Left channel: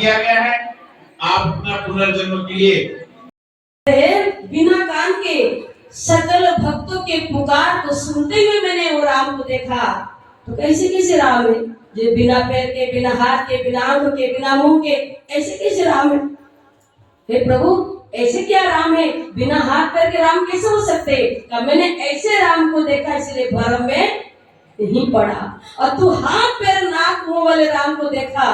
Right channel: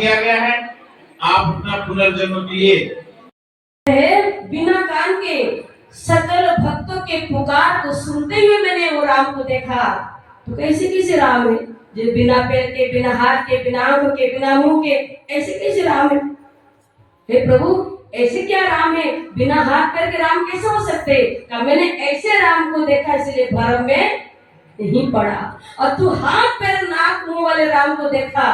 दिया गया है। आप अपना पुनर्जन्म के लिए बिना कान के सकल भक्तों के पुकार को सुनते हुए मैंने वो राम को देखा। तो कैसे कैसे राम है जो बिना पैर के, बिना हाथ के, बिना आंखों के, बिना मुंह के, ऐसे कैसे राम है? हे प्रभु, ऐसे क्या राम है? बिना हाथ पैर के राम कैसे हो सकते? कब मैंने ऐसे राम को देखा, इसलिए भ्रम में नहीं पड़ा। और तू हाथ पैर नाक मुंह वाले राम को देखा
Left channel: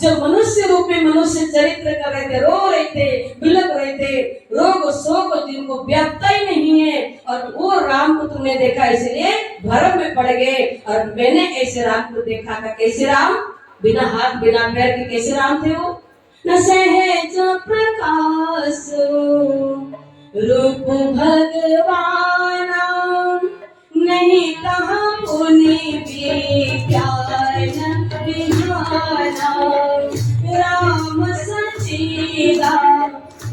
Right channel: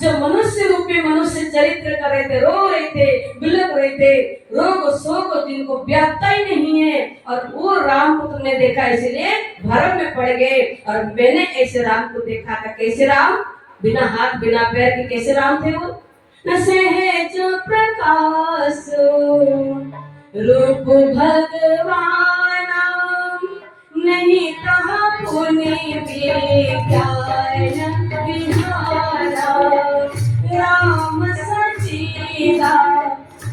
जो मनुष्य रूपी मनुष्य चरित्र कर रहे थे, रो रहे थे, बिलक रहे थे, रोग शोक जिनको व्याप्ता ही नहीं है, और वो राम को तुमने देखा इसलिए भ्रम में पड़ गए। और मैंने ऐसे राम को देखा था। कैसे राम? बिना हाथ बिना पैर के कैसे राम थे वो? न सहज प्रकाश रूप भगवान, नहीं कहा पुनि विज्ञान विधाना, राम सचीदा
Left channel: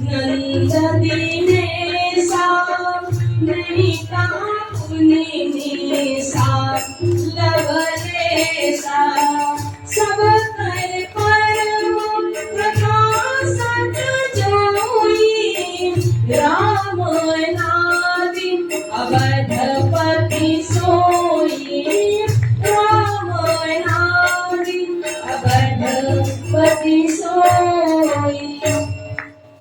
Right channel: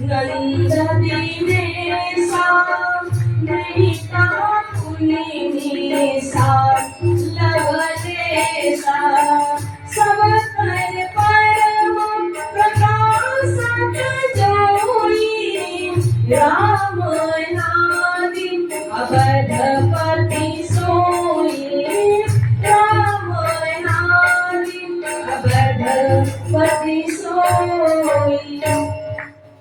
नंद दिनेशा, नहीं कहा पुनि निशा लवलेशा, सब कर परम प्रकाशक जोई, राम नादि अवधपति सोई, राम नादि अवधपति सोई।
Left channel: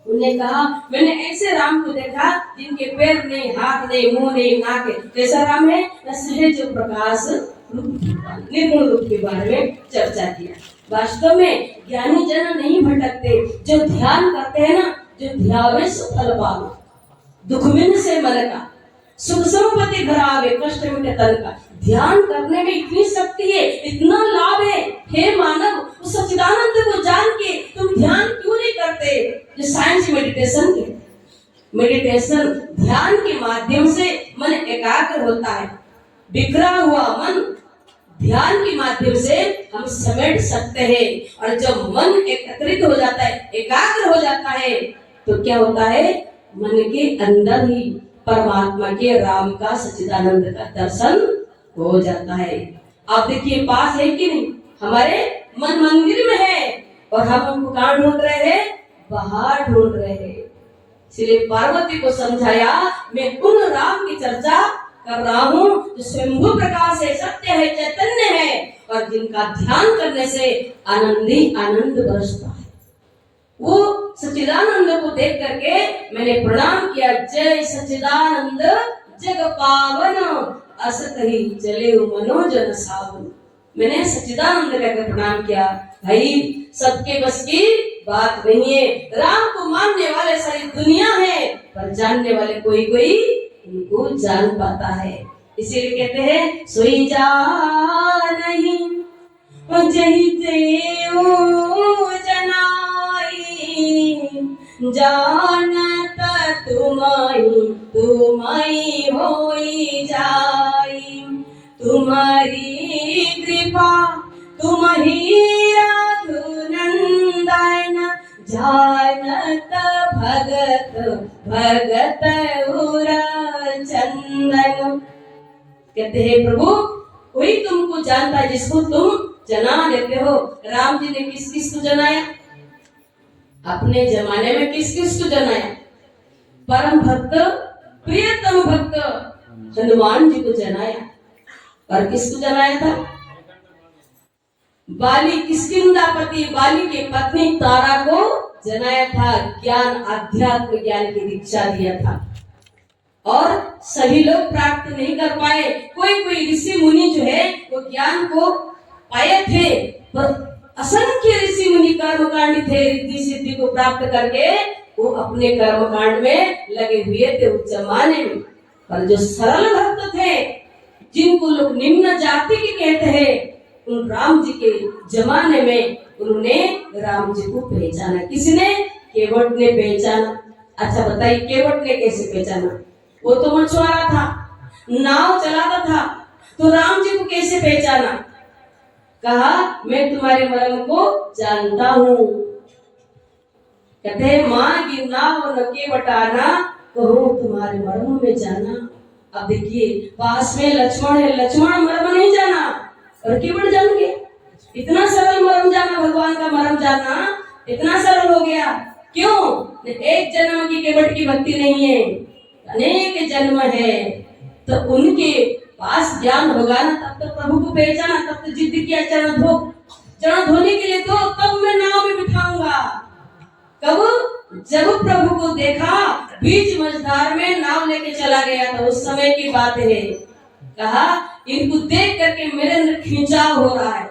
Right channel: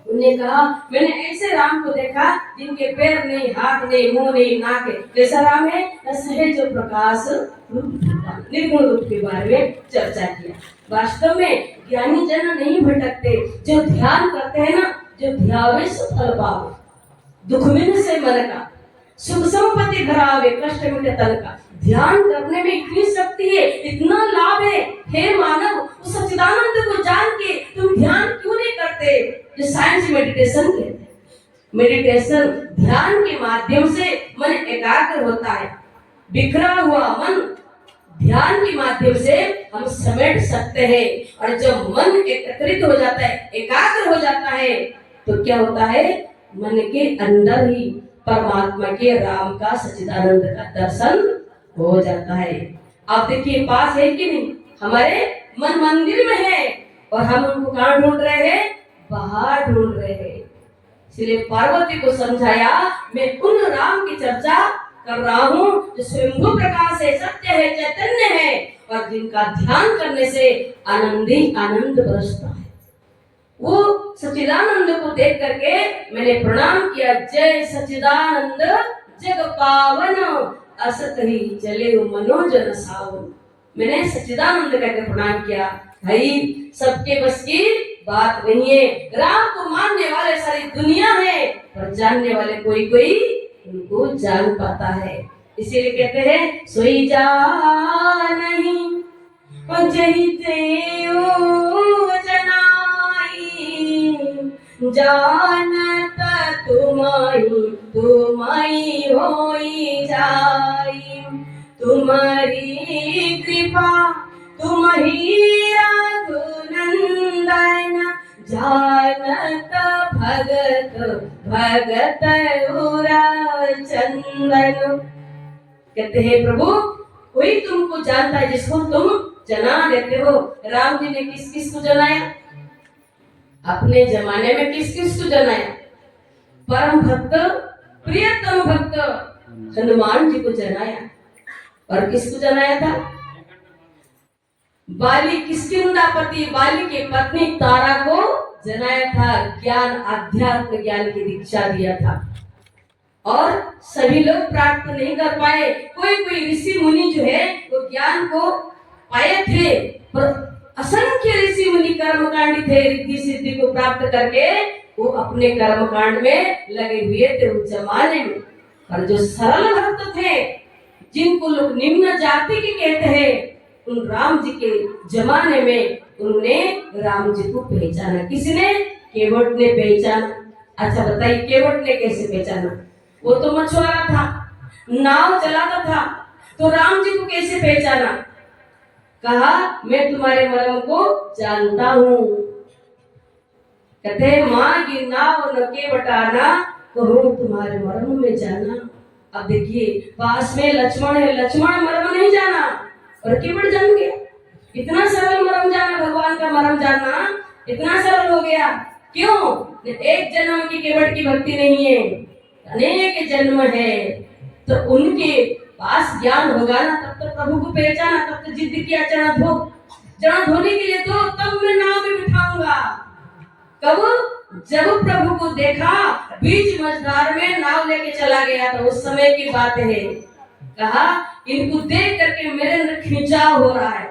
उन्होंने कहा मैंने ऐसे राम को देखा जिनके पैर नहीं, हाथ नहीं, मुंह नहीं, नाक है। कैसा राम है? सहज प्रकाश निर्गुण रूप के बारे में चर्चा किया। वास्तव में ज्ञानी जन नहीं भटकते, जो ध्यान करते हैं ना, जो ध्यावे सो फल पावे, दुख मिन से मन का, सुख संपत्ति धरावे, कष्ट मिटे तन का। ध्यान करने में इतनी शक्ति है, इतना लाभ है। हे मानव, उस सच्चिदानंद को जान के तुम ध्यान क्यों नहीं करते? जो साइंस मेडिटेशन के, मेडिटेशन ध्यान के माध्यम से मन एकाग्र होता है। बिखरा हुआ मन ध्यान के माध्यम से हम समेट सकते हैं। और जब मन एकत्रित हो जाता है, एकाग्र हो जाता है, तो क्या होता है? मन के अंदर ही परमात्मा के राम का, सच्चिदानंद का दर्शन हो जाता है। आप देखिए, पास है कि नहीं? हमारे मन मंदिर में है और हम उनको कहाँ ढूंढ रहे हैं? बाहर ढूंढ रहे हैं। इसलिए पार्वती को समझाया, मैं उन राम की चर्चा कर रहा हूँ जो स्वयंभू प्रकाश है, सत्य है, चैतन्य है, और जिनका ध्यान करने से आनंदी आनंद बरसता है। वो सच्चिदानंद को देख करके मैंने प्रणाम किया। जय सच्चिदानंद जग पावन, असत ही चले मनोजन सावन। मैंने सच्चिदानंद कहकर प्रणाम किया। भाई, सबके बस की बात नहीं है। राम को मानने वाले सारी दुनिया है, पर जानने वाले कोई कोई उनको जान पाता है। इसीलिए कहते हैं, सोई जानहि जहि तेऊ जनाई, जानत तुमहि तुमहि होई जाई, तुम्हारी कृपा तुमहि रघुनंदन, जानत भगत भगत उरा चंदन। कहते हैं, प्रभु कोई तुमको जानता है जिसको तुम जना देते हो। राम जी ने किस किस को जनाया? अपने जमाने में किस किस को जनाया? परम भक्त, प्रियतम भक्त हनुमान जी को जनाया। और किसको जनाया था? बाली, किष्किंधापति बाली की पत्नी तारा को जनाया था। ज्ञान, आध्यात्म ज्ञान की दीक्षा दिया था। और सभी लोग प्राप्त नहीं कर पाए। कोई कोई ऋषि मुनि जो है वो ज्ञान को पाए थे, पर असंख्य ऋषि मुनि कर्मकांडी थे। रिद्धि सिद्धि को प्राप्त करके वो अपने कर्मकांड में लगे हुए थे उस जमाने में। पर जो सरल भक्त थे, जिनको लोग निम्न जाति के कहते हैं, उन राम जी के जमाने में उन्होंने राम जी को पहचाना। किसने? केवट ने पहचाना। अच्छा बताइए, केवट ने कैसे पहचाना? वो तो मछुआरा था, नाव चलाता था, तो राम जी को कैसे पहचाना? कहा, मैं तुम्हारे मर्म को जानता हूँ। कहते हैं, माँ की नाव न केवटाना, कहूँ तुम्हारे मर्म में जाना। अब देखिए, पास में लक्ष्मण है, लक्ष्मण मर्म नहीं जाना और केवट जान गया। इतना सरल मर्म जाना, भगवान का मर्म जाना, इतना सरल हो गया। क्यों? एक जन्म की केवट की भक्ति नहीं है, अनेक जन्म है। तो उनके पास ज्ञान होगा ना, तब तो प्रभु को पहचाना, तब तो जिद किया चरण धोने के लिए, तो तब मैं नाव में बिठाऊंगा। कब? जब प्रभु को देखा बीच मझधार में नाव लेके चला गया था, उस समय की बात है। कहा इनको देख करके मेरे अंदर खिंचाव हो रहा है,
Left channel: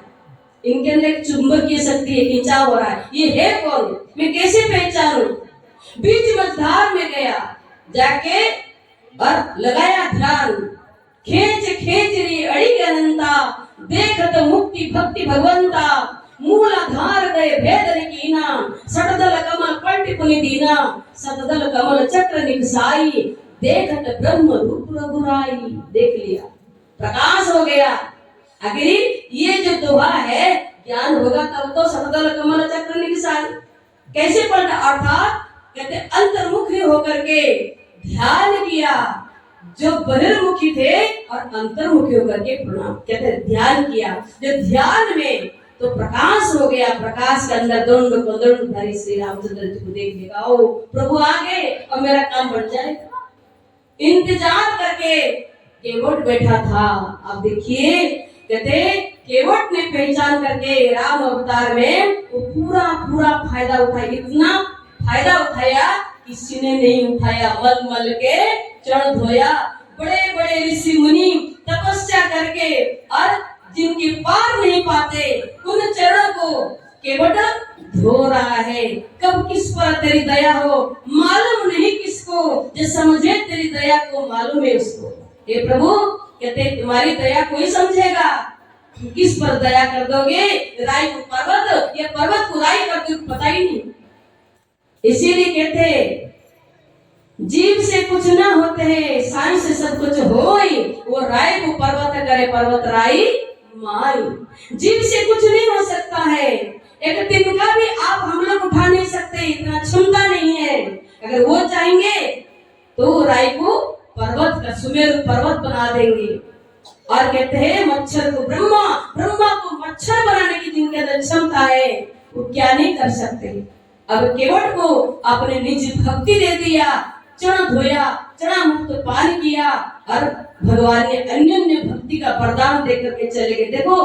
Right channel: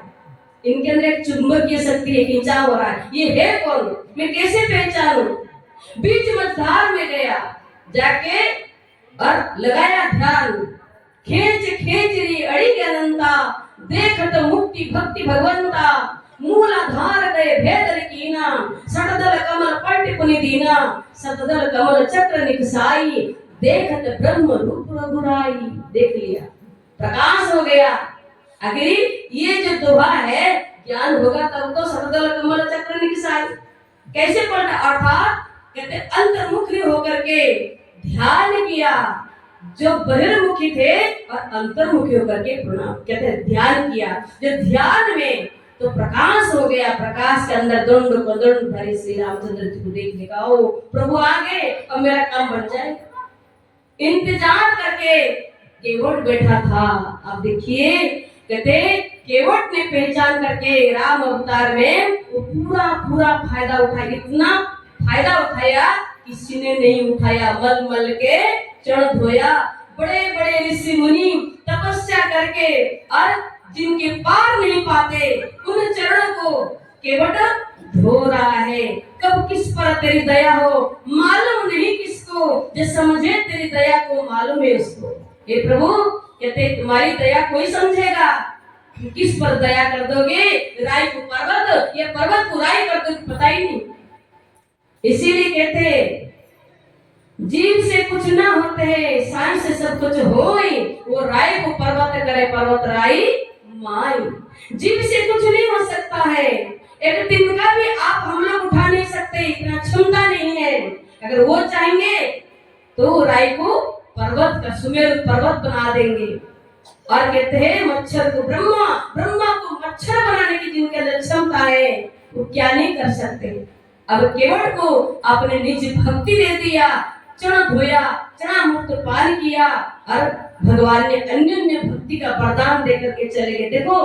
इनके अंदर एक चुंबकीय शक्ति है, खिंचाव हो रहा है। ये है कौन? मैं कैसे पहचानूं? बीच मझधार में गया, जाके और लगाया ध्यान। खेच खेचरी अड़ी अनंता, देखत मुक्ति भक्ति भगवंता। मूलाधार गए भेदन कीना, सटदल कमल पलट पुनि दीना। सतदल कमल चक्र निकसाई, देखत ब्रह्म रूप रघुराई। देख लिया, प्रकाश हो गया। आखिर ये जो दोहा है, ज्ञान होगा तब तो सतदल कमल चक्र निकसाई। कैसे पलटा? अर्थात कहते अंतर्मुखी होकर के ध्यान किया। जो बहिर्मुखी थे और अंतर्मुखी होकर के प्रणाम कहते ध्यान किया। जो ध्यान में तो प्रकाश हो गया, प्रकाश के अंदर दंड को दंड धरी श्री रामचंद्र जी को देख लेगा, ओ प्रभु आ गए और मेरा काम बन जाए। इंतजार करके केवट बैठा था। अब देखिए, कहते केवट ने पहचान करके राम अवतार में वो पूरा फायदा उठाया। इतना फायदा उठाया किसी ने नहीं उठाया। मल मल के चरण धोया। बड़े बड़े ऋषि मुनि तपस्या करके और जिनके पार नहीं पाते, उन चरणों को केवट धो रहा है। कब किस पर तेरी दया हो मालूम नहीं किसको, जो समझे तेरी दया को मालूम है उसको। हे प्रभु, कहते तुम्हारी दया कोई समझेगा, किस पर दया कर दोगे? राई को पर्वत या पर्वत को राई कर दोगे, पता ही नहीं। इसीलिए कहते जीव से कुछ ना होते है, साई से सब कुछ होई। वो राय को पर्वत करे, पर्वत राई माई। जीव से कुछ नहीं हो सकता है। एक तिनका भी आप हम लोग उठा नहीं सकते, इतना क्षमता नहीं है। अगर वो चाहेंगे तो राय को पर्वत का सुमेरु पर्वत बना देंगे। और कहते हैं मच्छर को ब्रह्मा, ब्रह्मा को मच्छर बनाने की जिनके अंदर क्षमता है, वो क्या नहीं कर सकते। अब केवट को अपने निज भक्ति दे दिया, चरण धोया, चरण मुक्त पान किया और भगवान ने अन्योन्य भक्ति का वरदान देकर के चले गए। देखो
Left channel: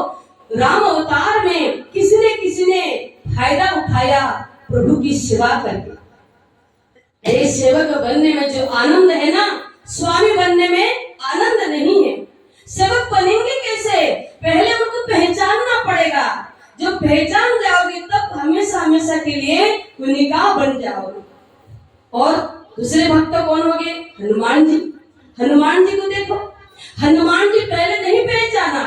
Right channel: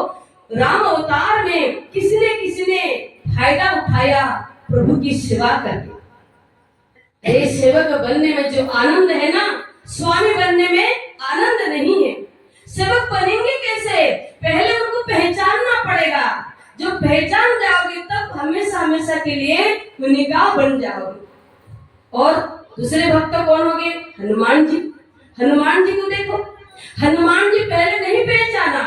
राम अवतार में किसी ने फायदा उठाया प्रभु की सेवा करके। ये सेवक बनने में जो आनंद है ना, स्वामी बनने में आनंद नहीं है। सेवक बनेंगे कैसे? पहले उनको पहचानना पड़ेगा। जो पहचान जाओगे तब हमेशा हमेशा के लिए निकाह बन जाओगे। और दूसरे भक्त कौन हो गए? हनुमान जी। हनुमान जी को देखो, हनुमान जी पहले नहीं पहचाना।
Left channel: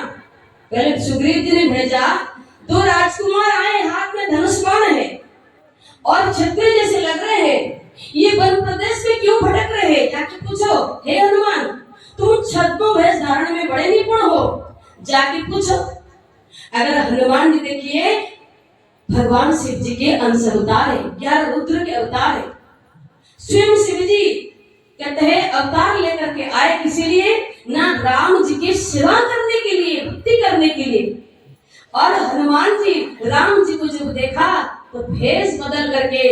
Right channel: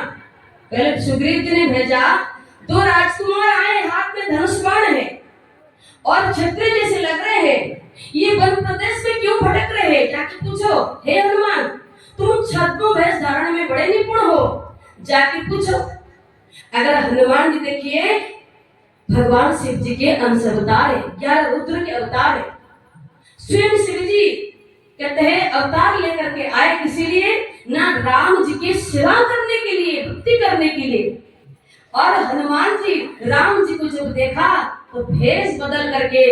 पहले सुग्रीव जी ने भेजा, दो राजकुमार आए, हाथ में धनुष बाण है और क्षत्रिय जैसे लग रहे हैं, ये वन प्रदेश में क्यों भटक रहे हैं? जाके पूछो, हे हनुमान तुम छद्म वेश धारण में बड़े निपुण हो, जाके पूछो। अगर हनुमान जी देखिए भगवान शिव जी के अंश अवतार है, 11 रुद्र के अवतार है। स्वयं शिव जी कहते हैं अवतार लेकर के आए, इसीलिए ना राम जी की सेवा करने के लिए, भक्ति करने के लिए। और हनुमान जी राम जी को जब देखा तो भेष बदल करके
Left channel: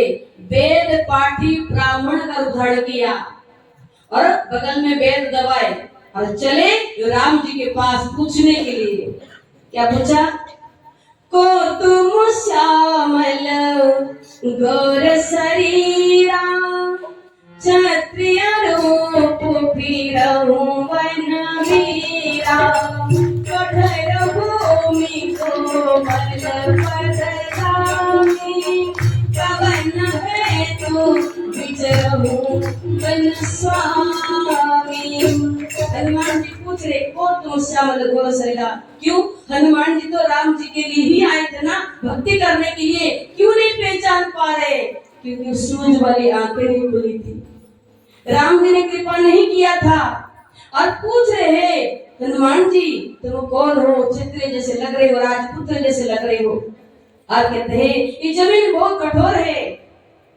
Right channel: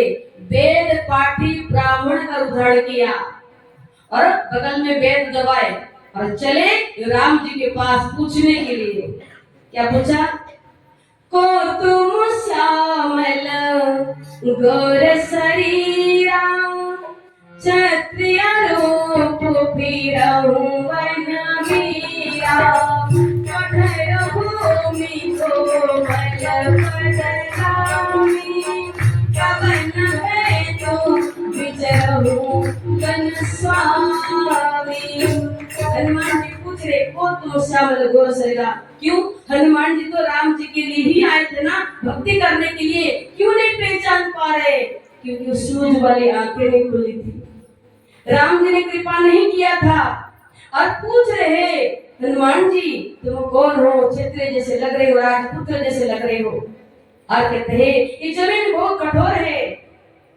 वेद पाठी ब्राह्मण का उद्धारण किया और बगल में वेद दबाए और चले राम जी के पास पूछने के लिए। क्या पूछा? को तुम श्यामल गौर शरीरा, क्षत्रिय रूप फिरहूं वन वीरा। कठोर भूमि को मल पदगामी, कवन है तो विचरहूं वन स्वामी। हनुमान जी पूछ रहे, को तुम श्यामल गौर शरीरा। क्यों? हनुमान जी तो राम जी के लिए ही आए थे ना, भक्ति करने के लिए। क्यों नहीं पहचान पा रहे? क्योंकि सूझ वाली आंखें नहीं खुली थी, राम जी ने कृपा नहीं किया था। और पूछ रहे हनुमान जी तुम कौन हो? क्षत्रिय जैसे लग रहे हो, राजपुत्र जैसे लग रहे हो। और कहते हैं ये जमीन बहुत कठोर है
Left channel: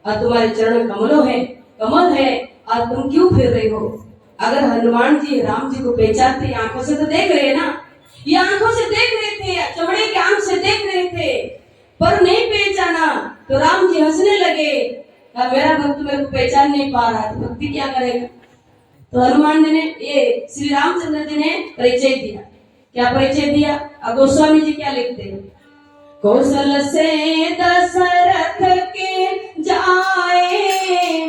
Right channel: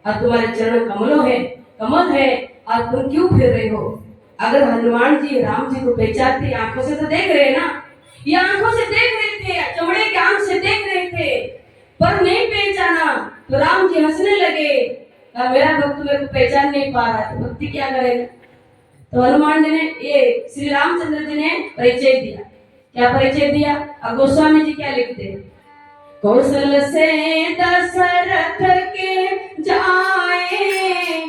और तुम्हारे चरण कमल है और तुम क्यों फिर रहे हो? अगर हनुमान जी राम जी को पहचानते, आंखों से तो देख रहे ना, ये आंखों से देख रहे थे, चमड़े के आंख से देख रहे थे, पर नहीं पहचाना तो राम जी हंसने लगे, कहा मेरा भक्त मेरे को पहचान नहीं पा रहा है, भक्ति क्या करेगा। तो हनुमान जी ने, ये श्री रामचंद्र जी ने परिचय दिया। क्या परिचय दिया? अब गोस्वामी जी क्या लिखते हैं, कौशल से दशरथ के जाए,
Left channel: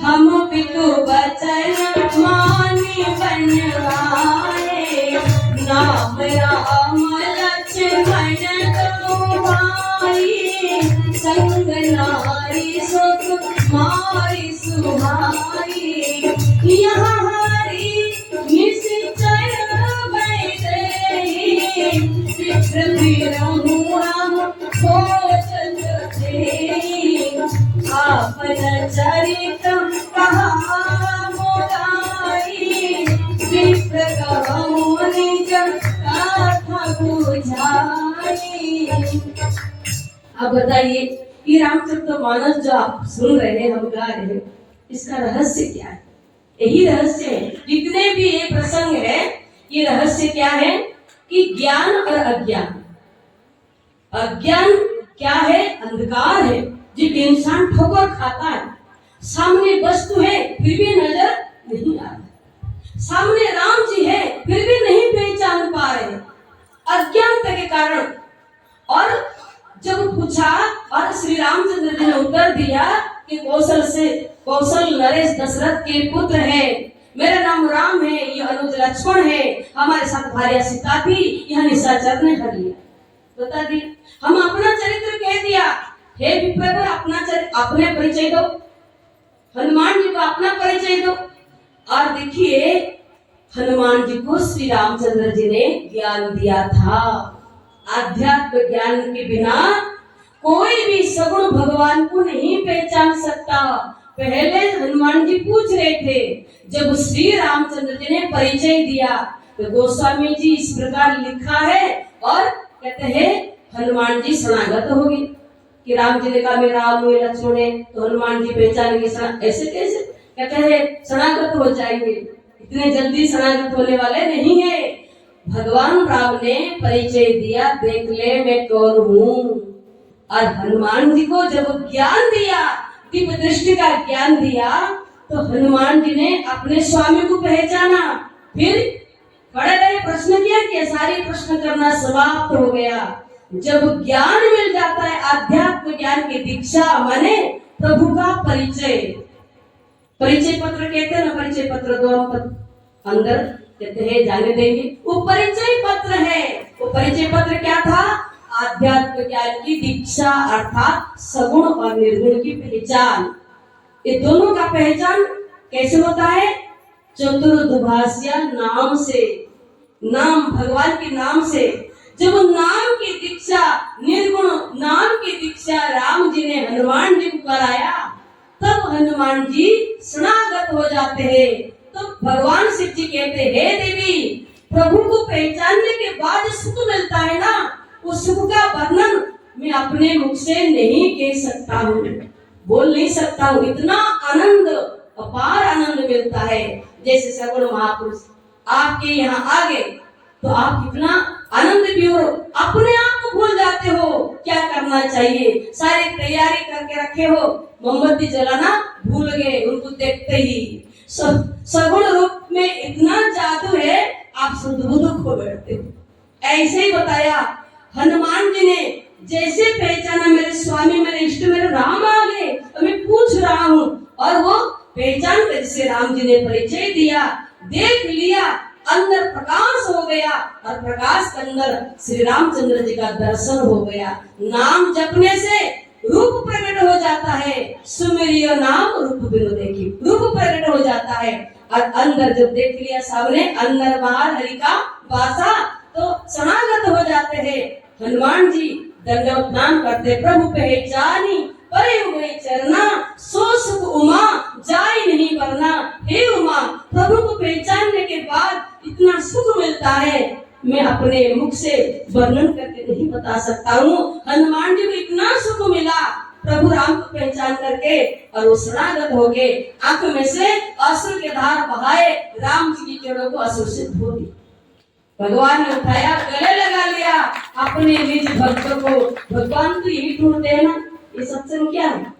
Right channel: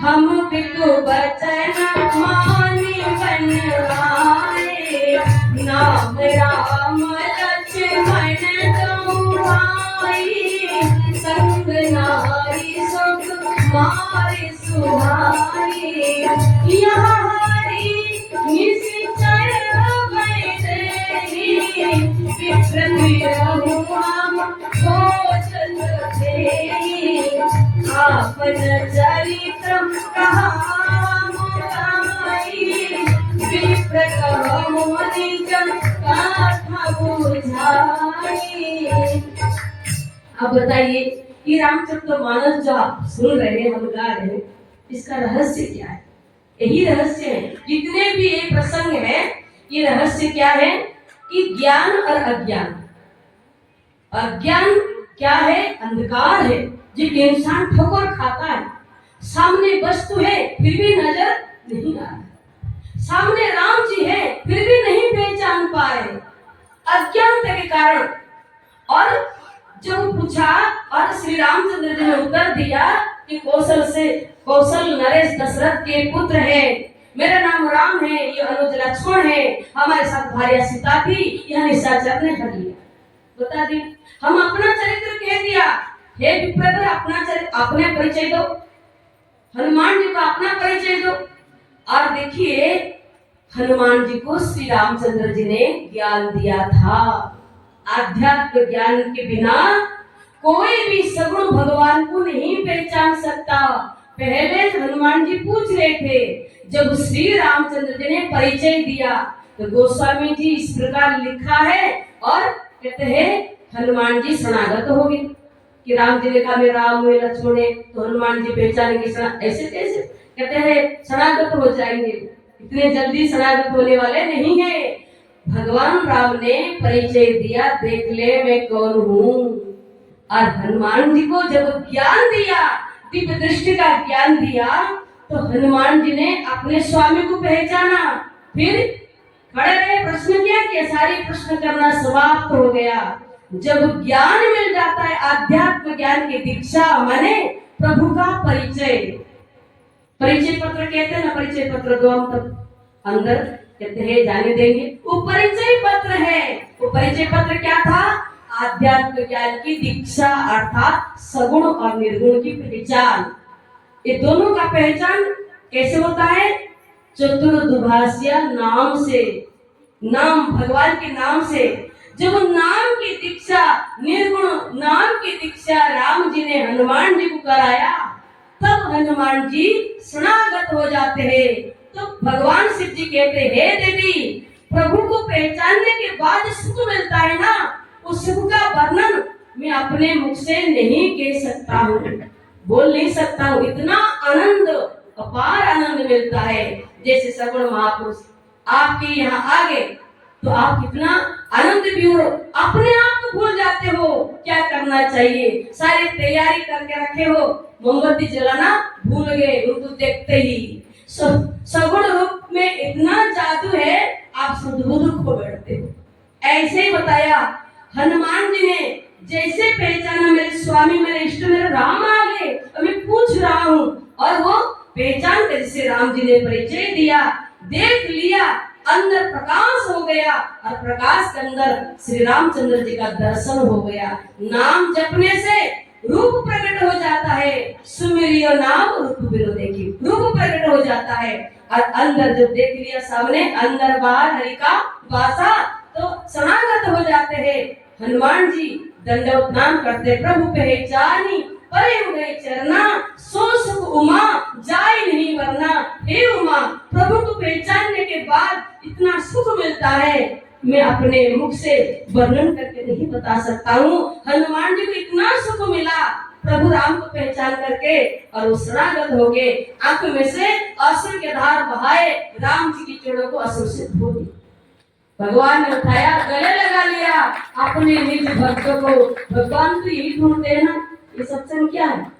हम पितु बचन मानी बन आए, नाम राम लक्ष्मण तुम्हारी, संग नारी सुख मारी सुहाई, यहाँ हरि निश्चय बैठे, विप्रति रघुराम कौशल देहि, आपन चरित कहा मोराई, विप्र कहो निज कथा बुझाई। अब बताइए, ये रामचरितमानस जो आप सुन रहे हैं, हम गा रहे हैं, इसका रहस्य क्या है? यही रहस्य है। जितने भी ये प्रसंग है, ये रहस्य क्या है कि ज्ञान और अज्ञान। अज्ञान क्या है? अंधकार है, जो इंसान ठोकर खाता है। सामने वस्तु है फिर भी नजर नहीं आ रहा, सामने राम जी है फिर भी नहीं पहचान पा रहे, अज्ञानता के कारण। और जब पूछा और श्री रामचंद्र जी ने उत्तर दिया कि कौशल नरेश दशरथ के पुत्र है, मेरा नाम राम है, ये अनुज लक्ष्मण है, हमारे साथ भार्या सीता थी, यह निशाचर ने हर लिया। बता दी, हम अपना चरित्र कह दिया। हे विप्रवर, अपना चरित्र, अपने परिचय दो, हनुमान जी को अपना परिचय दो। और देखिए, हनुमान जी को श्री रामचंद्र जी ने ज्ञान दिया था। आध्यात्म ज्ञान के बिना कोई भी सगुण भगवान को नहीं पहचान सकता। पहले हनुमान जी पूछ रहे थे, जब श्री रामचंद्र जी ने परिचय दिया तो गोस्वामी जी इस प्रकार लिखा है, और कहते हैं हनुमान जी शरणागत हो गए कि राम जी ने कहा मैं राम हूं, लक्ष्मण है, तो हनुमान जी पहचानेंगे। ऐसे कैसे? कहते हैं शरणागत हो जाएंगे, इतने जल्दी शरणागत होने वाले नहीं है। भगवान राम ने परिचय दिया, देख ले मैं कौन हूँ। और हनुमान जी को जब ज्ञान दिया, दिव्य दृष्टि का ज्ञान दिया, तो हनुमान जी ने अपने स्वामी को पहचाना। फिर खड़े रहे, प्रश्न किया, सारी प्रश्न करना समाप्त हो गया। जब ज्ञान मिल जाता है, आध्यात्म ज्ञान की दीक्षा माने प्रभु का परिचय। परिचय पत्र कहते हैं ना, परिचय पत्र दो अंदर कहते हैं जाने देंगे, वो परिचय पत्र है। वो परिचय पत्र क्या था? आध्यात्म ज्ञान की दीक्षा, अर्थात सगुण और निर्गुण की पहचान। ये दोनों का पहचान कैसे होता है? चतुर्दुभाष्य नाम से, नाम भगवान के नाम से। जब नाम की दीक्षा, निर्गुण नाम की दीक्षा राम जी ने हनुमान जी को कराया, तब हनुमान जी शरणागत हो जाते हैं। तो भगवान शिव जी कहते हैं, हे देवी, प्रभु को पहचानने के बाद सुख मिलता है ना, उस सुख का वर्णन मैं अपने मुख से नहीं कह सकता हूँ, बोल नहीं सकता हूँ। इतना आनंद, अपार आनंद मिलता है। जैसे सगुण महापुरुष आपके यहाँ आ गए तो आप कितना आनंद भी हो, अपने आप को भूल जाते हो क्या करना चाहिए, सारी तैयारी करके रखे हो, मोमबत्ती जलाना भूल गए उनको देखते ही। सगुण रूप में इतना जादू है, आप सुध-बुध खो बैठते हो। ऐसे ही बताया हनुमान जी ने, जैसे पहचाना मेरे स्वामी, मेरे इष्ट, मेरे राम आ गए, मैं पूछ रहा हूँ, और वो पहचान कर से राम जी ने परिचय दिया, देख लिया, अंदर प्रकाश हो गया, और प्रकाश के अंदर श्री रामचंद्र जी का दर्शन हो गया। नाम जपने से रूप प्रकट हो जाता है, सुमिरियो नाम रूप बिनु देखी, रूप प्रकट हो जाता है। और अंदर जब देख लिया सामने, अंदर बाहर हरि का वासा, तो शरणागत हो जाते हैं। हनुमान जी दंडवत नाम करते, प्रभु पहचानी परे हुए चरना, सो सुख उमा जाय नहीं वरना। हे उमा, प्रभु को पहचानने के बाद इतना सुख मिलता है, मैं अपने मुख से वर्णन करके नहीं बता सकता हूँ। हनुमान जी को इतना सुख मिला प्रभु राम को पहचान करके, और वो शरणागत हो गए। आंखों में से अश्रु के धार बहाए, राम जी की चरणों को अश्रु से धो दी। भगवान ने उठाया, गले लगा लिया अपने निज भक्त को। भगवान तो यही ढूंढते हैं ना, ये सत्संग क्या है?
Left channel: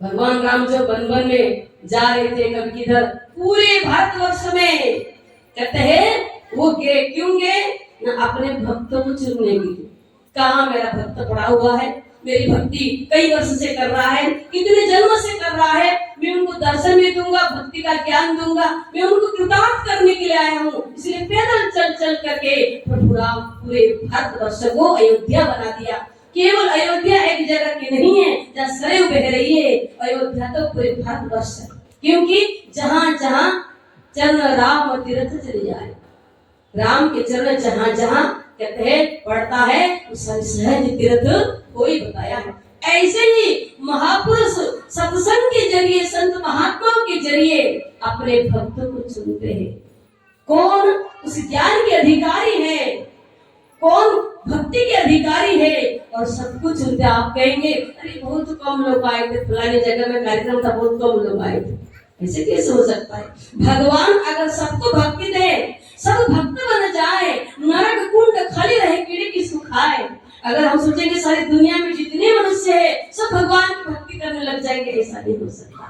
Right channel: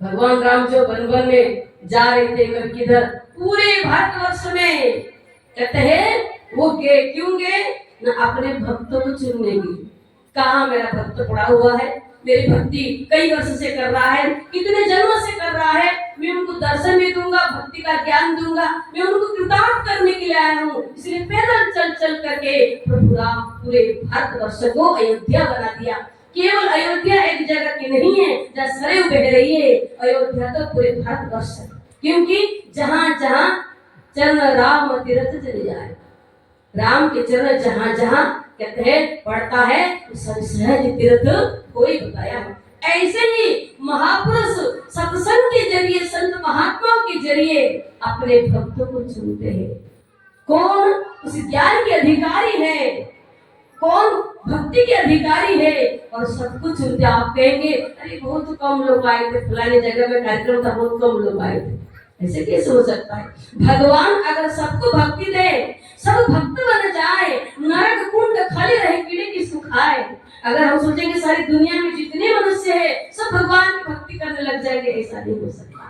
भगवान राम जो वन वन में जा रहे थे, कभी किधर, पूरे भारतवर्ष में कहते हैं वो गए, क्यों गए? न अपने भक्तों को चुनने के लिए। कहाँ मेरा भक्त पड़ा हुआ है, मेरी भक्ति कई वर्ष से कर रहा है, कितने जन्मों से कर रहा है, मैं उनको दर्शन भी दूंगा, भक्ति का ज्ञान दूंगा, मैं उनको कृतार्थ करने के लिए आया हूँ। इसलिए पैदल चल चल करके प्रभु राम पूरे भारतवर्ष को अयोध्या बना दिया। केवल अयोध्या एक जगह की नहीं है जहाँ सरयू बह रही है, अयोध्या तो पूरे भारतवर्ष है, क्योंकि जहाँ जहाँ चरण राम तीर्थ चले जाए, राम के चरण जहाँ जहाँ कहते हैं पड़ता है, सहज तीर्थ कोई बताया है। ऐसे ही महापुरुष सत्संग के जरिए, संत महात्माओं के जरिए अपने भक्तों को चुनते हैं। कौन उस ज्ञान के अधिकारी है, कौन भक्ति के अधिकारी है, और सब कुछ चुनते। आप कहेंगे अरे बहुत कम लोग आए थे, फलाने जगह में कार्यक्रम था, बहुत कम लोग आए थे। ऐसे कैसे हो सकता है? भगवान अगर सबको भक्ति दे, सब भक्त बन जाए, नरक कुंड खाली रहे, कीड़े किसको खाए। अगर हम सोचेंगे सारी दुनिया में जितने मनुष्य है सब भगवान की भक्ति करने लग जाएंगे, ऐसा नहीं हो सकता।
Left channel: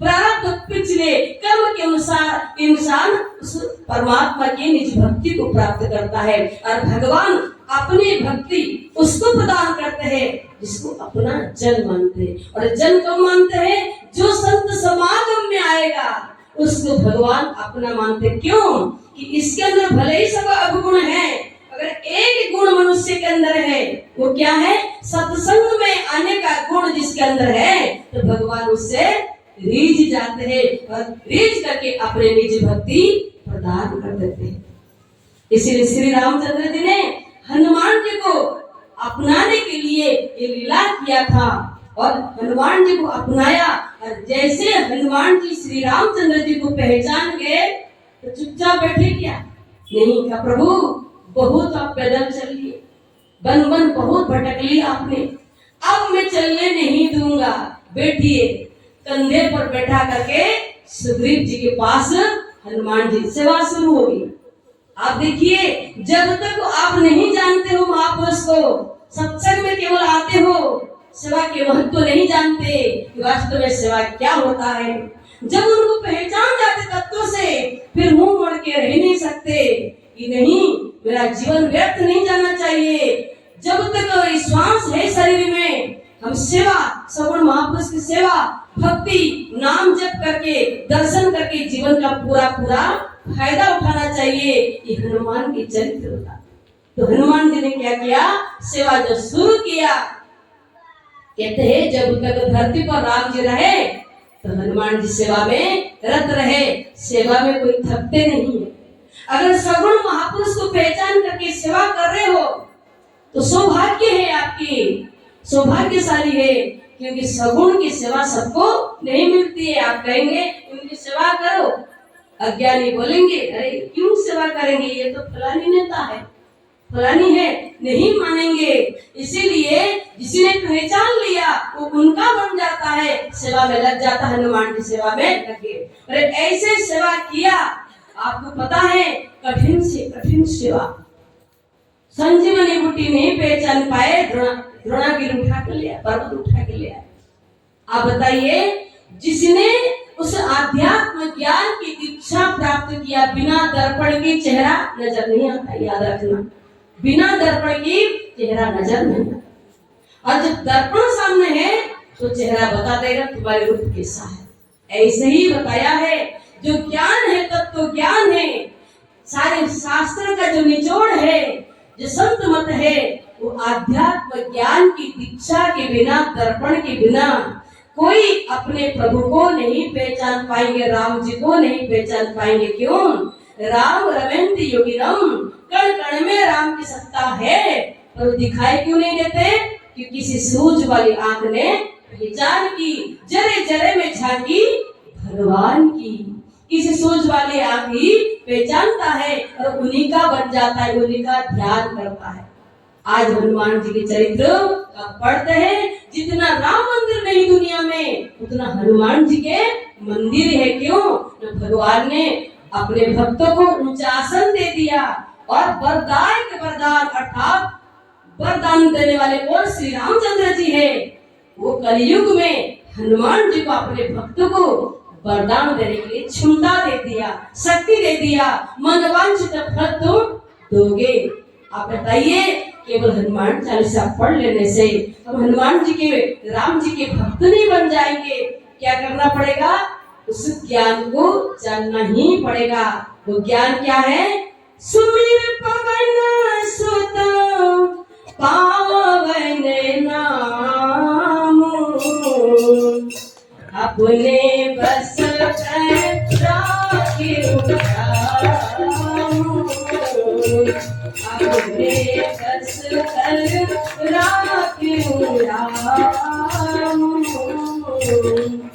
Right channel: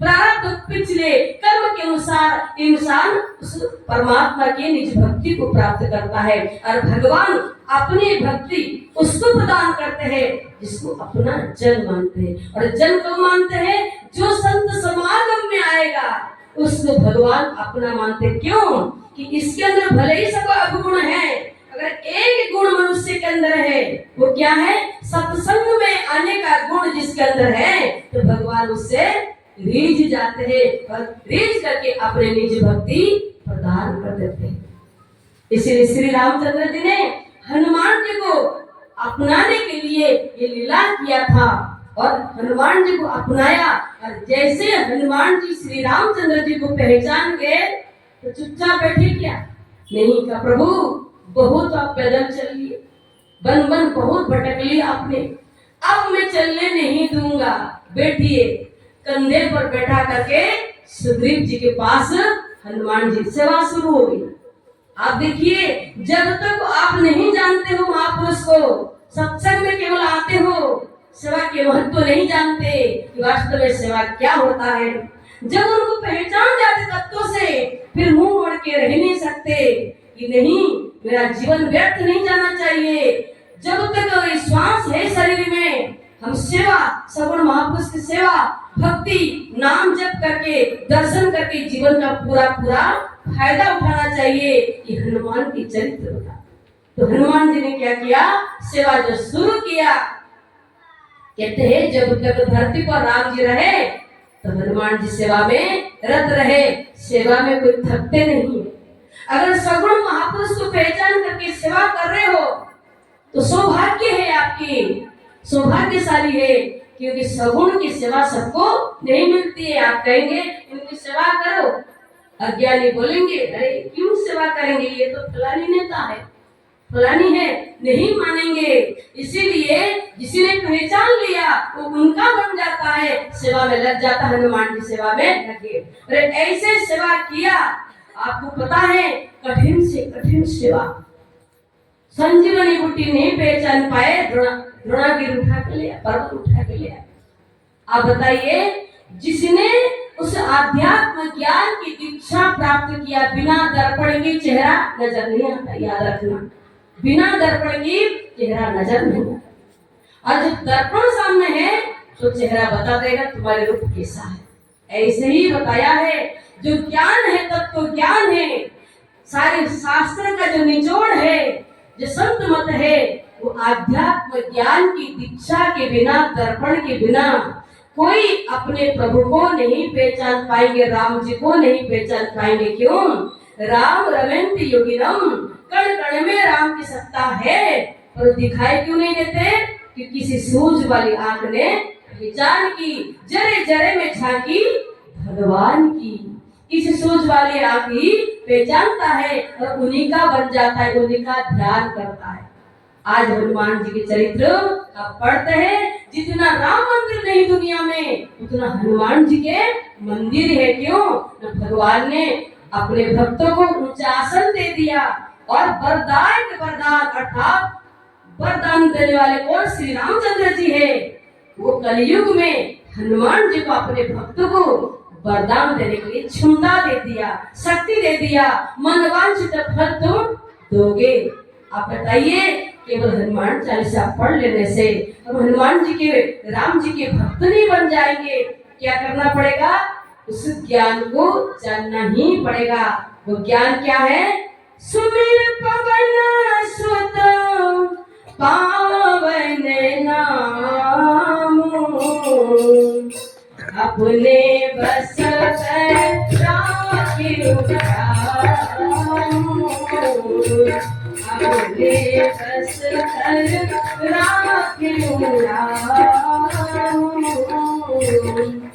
प्रारब्ध पिछले कर्म के अनुसार इंसान उस परमात्मा की निज भक्ति को प्राप्त करता है, और भगवान अपनी भक्ति उसको प्रदान करते हैं जिसको अपना जन मानते हैं। और जन को मानते हैं जो संत समागम में आएगा, उसको भगवान अपना मानते। क्यों? कि इसके अंदर भले ही सब अवगुण है, अगर एक गुण मनुष्य के अंदर है, वो क्या है? सत्संग में आने का गुण जिसके अंदर है, तो भगवान उससे रीझ जाते हैं और रीझ करके अपने निज भक्ति प्रदान कर देते हैं। इसीलिए श्री रामचंद्र जी ने हनुमान जी को अपनाने के लिए ये लीला किया था, और हनुमान जी को अपनाया। और जैसे हनुमान जी श्री रामचंद्र जी को पहचान गए तो चुपचाप बैठे क्या? नहीं, का प्रभु बहुत आप पैदल चल लिए, बन बन बहुत भटक लिया आपने, अब मैं चलने नहीं दूंगा। बैठिए। कंधे पर बैठा करके सुग्रीव जी के पास हनुमान जी सेवा शुरू हो गई। आप देखिए, जब तक आप नहीं जानते हो महापुरुष को, सत्संग में केवल आते हो, सेवा के महत्व नहीं जानते कि वास्तव में सेवा क्या होता है। जब उनको पहचान जाते तत्वों से, फिर मुंह मोड़ के रह नहीं सकते कि नहीं, मेरा जीवन व्यर्थ नहीं जाना चाहिए। जब तक विश्वास है शरीर में, हम सेवा, सगुण महापुरुष की सेवा, भक्ति, नाम जप करके, दर्शन करके जीवन का पूरा पूरा फायदा उठाना चाहिए। ये हनुमान की चरित्र था। तो हनुमान जी ने क्या किया? सेवा जब शुरू किया, कहते हैं जब तक धरती पर राम जी रहे तो हनुमान जी सेवा में रत रहे, सेवा में कोई थकते नहीं है। अगर सगुण महापुरुष को पहचान करके सेवा कर रहे हो तो सौभाग्य है, आपकी सौभाग्यशाली है, क्योंकि सगुण की सेवा सबको नहीं मिलती है। आप कहेंगे उनकी सेवा करो, अज्ञानी बोलेंगे अरे क्यों सेवा करेंगे, ये तो फलानी नेता है, फलानी है, नहीं मानेंगे। इसीलिए जिसने पहचान लिया वो उनका बन जाता है, सेवा में लग जाता है, हनुमान की सेवा में लगे। अरे ऐसे सेवा किया, आपको पता है कठिन से कठिन सेवा, संजीवनी बूटी नहीं पहचान पाए, द्रोणागिरी उठा के लिया, पर्वत उठा के लिया। आप बताइए, जिसने उस आध्यात्म ज्ञान की दीक्षा प्राप्त किया, बिना दर्पण की चेहरा नजर नहीं आता, याद रखना, बिना दर्पण की चेहरा नजर नहीं आता। और जब दर्पण सामने है तो चेहरा बता देगा तुम्हारे रूप कैसा है। ऐसे ही बताया है, जो ज्ञान है तत्व ज्ञान है, सारे शास्त्र का जो निचोड़ है, जो संत मत है, वो आध्यात्म ज्ञान की दीक्षा के बिना, दर्पण के बिना कोई अपने प्रभु को नहीं पहचान पाएंगे, राम जी को नहीं पहचान पाएंगे। क्यों? राम रमेंद्र योगिनम, कण कण में राम की सत्ता है, पर दिखाई क्यों नहीं देते? कि किसी सूझ वाली आंख ने पहचान की, जरे जरे में झांकी भगवान की। किसी सूझ वाली आंख ही पहचानता है और उन्हीं का बन जाता है, उन्हीं का ध्यान करता है। आज हनुमान जी के चरित्र का पढ़ते हैं, जितना राम मंदिर नहीं दुनिया में, उतना हनुमान जी के मंदिर है। क्यों? भगवान ने अपने भक्तों को ऊंचा आसन दे दिया और वरदायक वरदान अर्थात वरदान देने वाले कौन? श्री रामचंद्र जी है। वो कलयुग में हनुमान जी को, अपने भक्तों को वरदान देने के लिए क्षमता दे दिया, शक्ति दे दिया, मनवांछित फल तुम दोगे। आप बताइए, केवल हनुमान चालीसा पढ़ लेने से हम हनुमान जी के, राम जी के भक्त नहीं बन जाएंगे। क्या करना पड़ेगा? उस ज्ञान को जानना ही पड़ेगा। वो ज्ञान क्या है? सुमिर पवन सुत पावन नाम, अपने बस कर राखियो राम, अपने बस कर राखियो राम।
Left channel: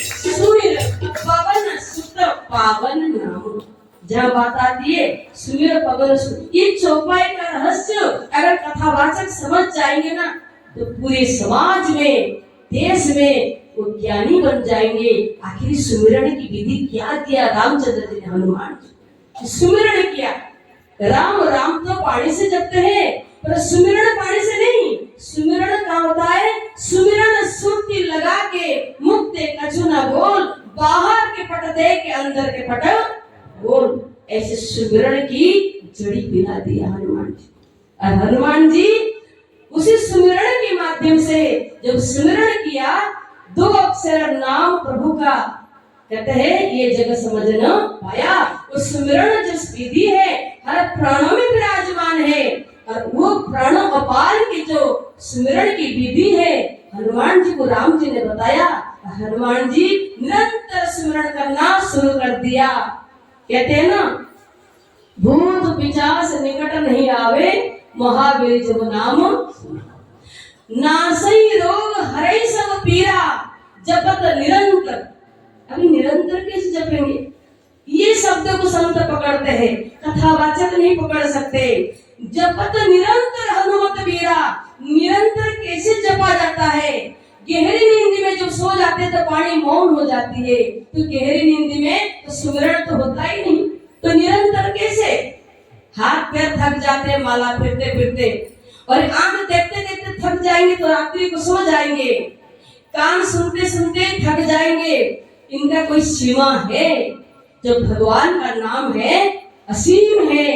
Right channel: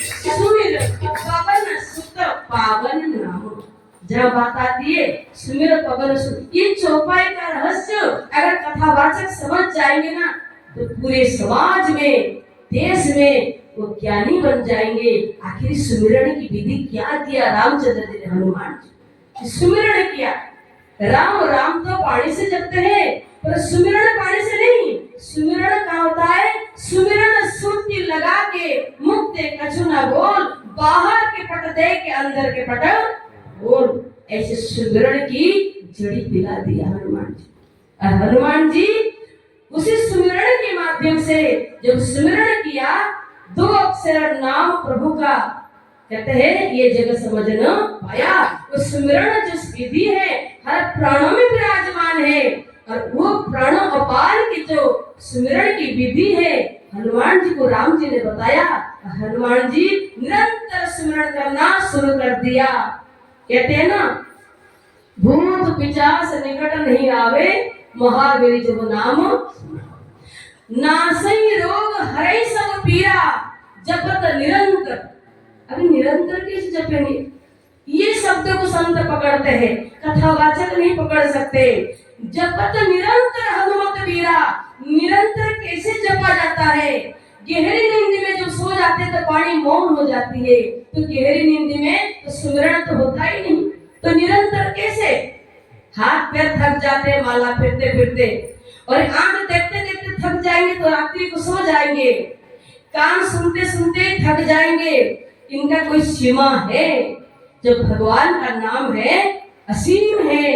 सुमिर पवन सुत पावन नाम, जहाँ बात आती है सुमिर पवन सुत, ये चौपाई का रहस्य अगर कथावाचक समझ जाएंगे ना, तो पूरे समाज में, देश में वो ज्ञानी बन जाएंगे। आखिर सुमिरन की विधि क्या किया रामचंद्र जी ने? हनुमान जी सुमिरन किया। राम राम तो पानी से जपते हैं, पर सुमिरन पानी से नहीं। सुमिरन क्या होता है? सुमिरन सुरती लगा के, मुक्ते कछु न बोल, बाहर के पट दे के अंदर के पट बोल। ऐसे सुमिरन की जड़ी पिला दिया हनुमान जी। और हनुमान जी उसी सुमिरन के माध्यम से जब सुमिरन किया, 2 अक्षर नाम प्रभु का, कहते हैं ये जगह समझ न पाया। वो सुमिरन जो विधि है हर प्राणों में विराजमान है, और वो प्राणों अपार की जो सुमिरन की विधि है हनुमान जी को राम जी ने बताया। हनुमान जी निरंतर सुमिरन करना शुरू कर दिया। कहते हैं ना, भूत पिशाच निकट नहीं आवे, महावीर जब नाम नासई रोग हरै सब पीरा, जपत निरंतर। अभी निरंतर कैसे जपेंगे? ये शब्द को संत पकड़ते हैं, कथावाचक नहीं पकड़ सकते। जपत निरंतर हनुमत वीरा, निरंतर कैसे जपा जाता है? गहरी नींद में जब सो जाते हैं तो वाणी मौन हो जाती है, तो गहरी नींद में तो सुमिरन तो होता ही नहीं, तो निरंतर कैसे? हाथ पैर थक जाते हैं माला फिरते फिरते, और आंख देखते देखते थक जाएंगे तो रात्रि को सो जाएंगे, कान सुनते सुनते थक जाएंगे। इनका कोई सीमा है? जब भगवान का नाम है असीम है,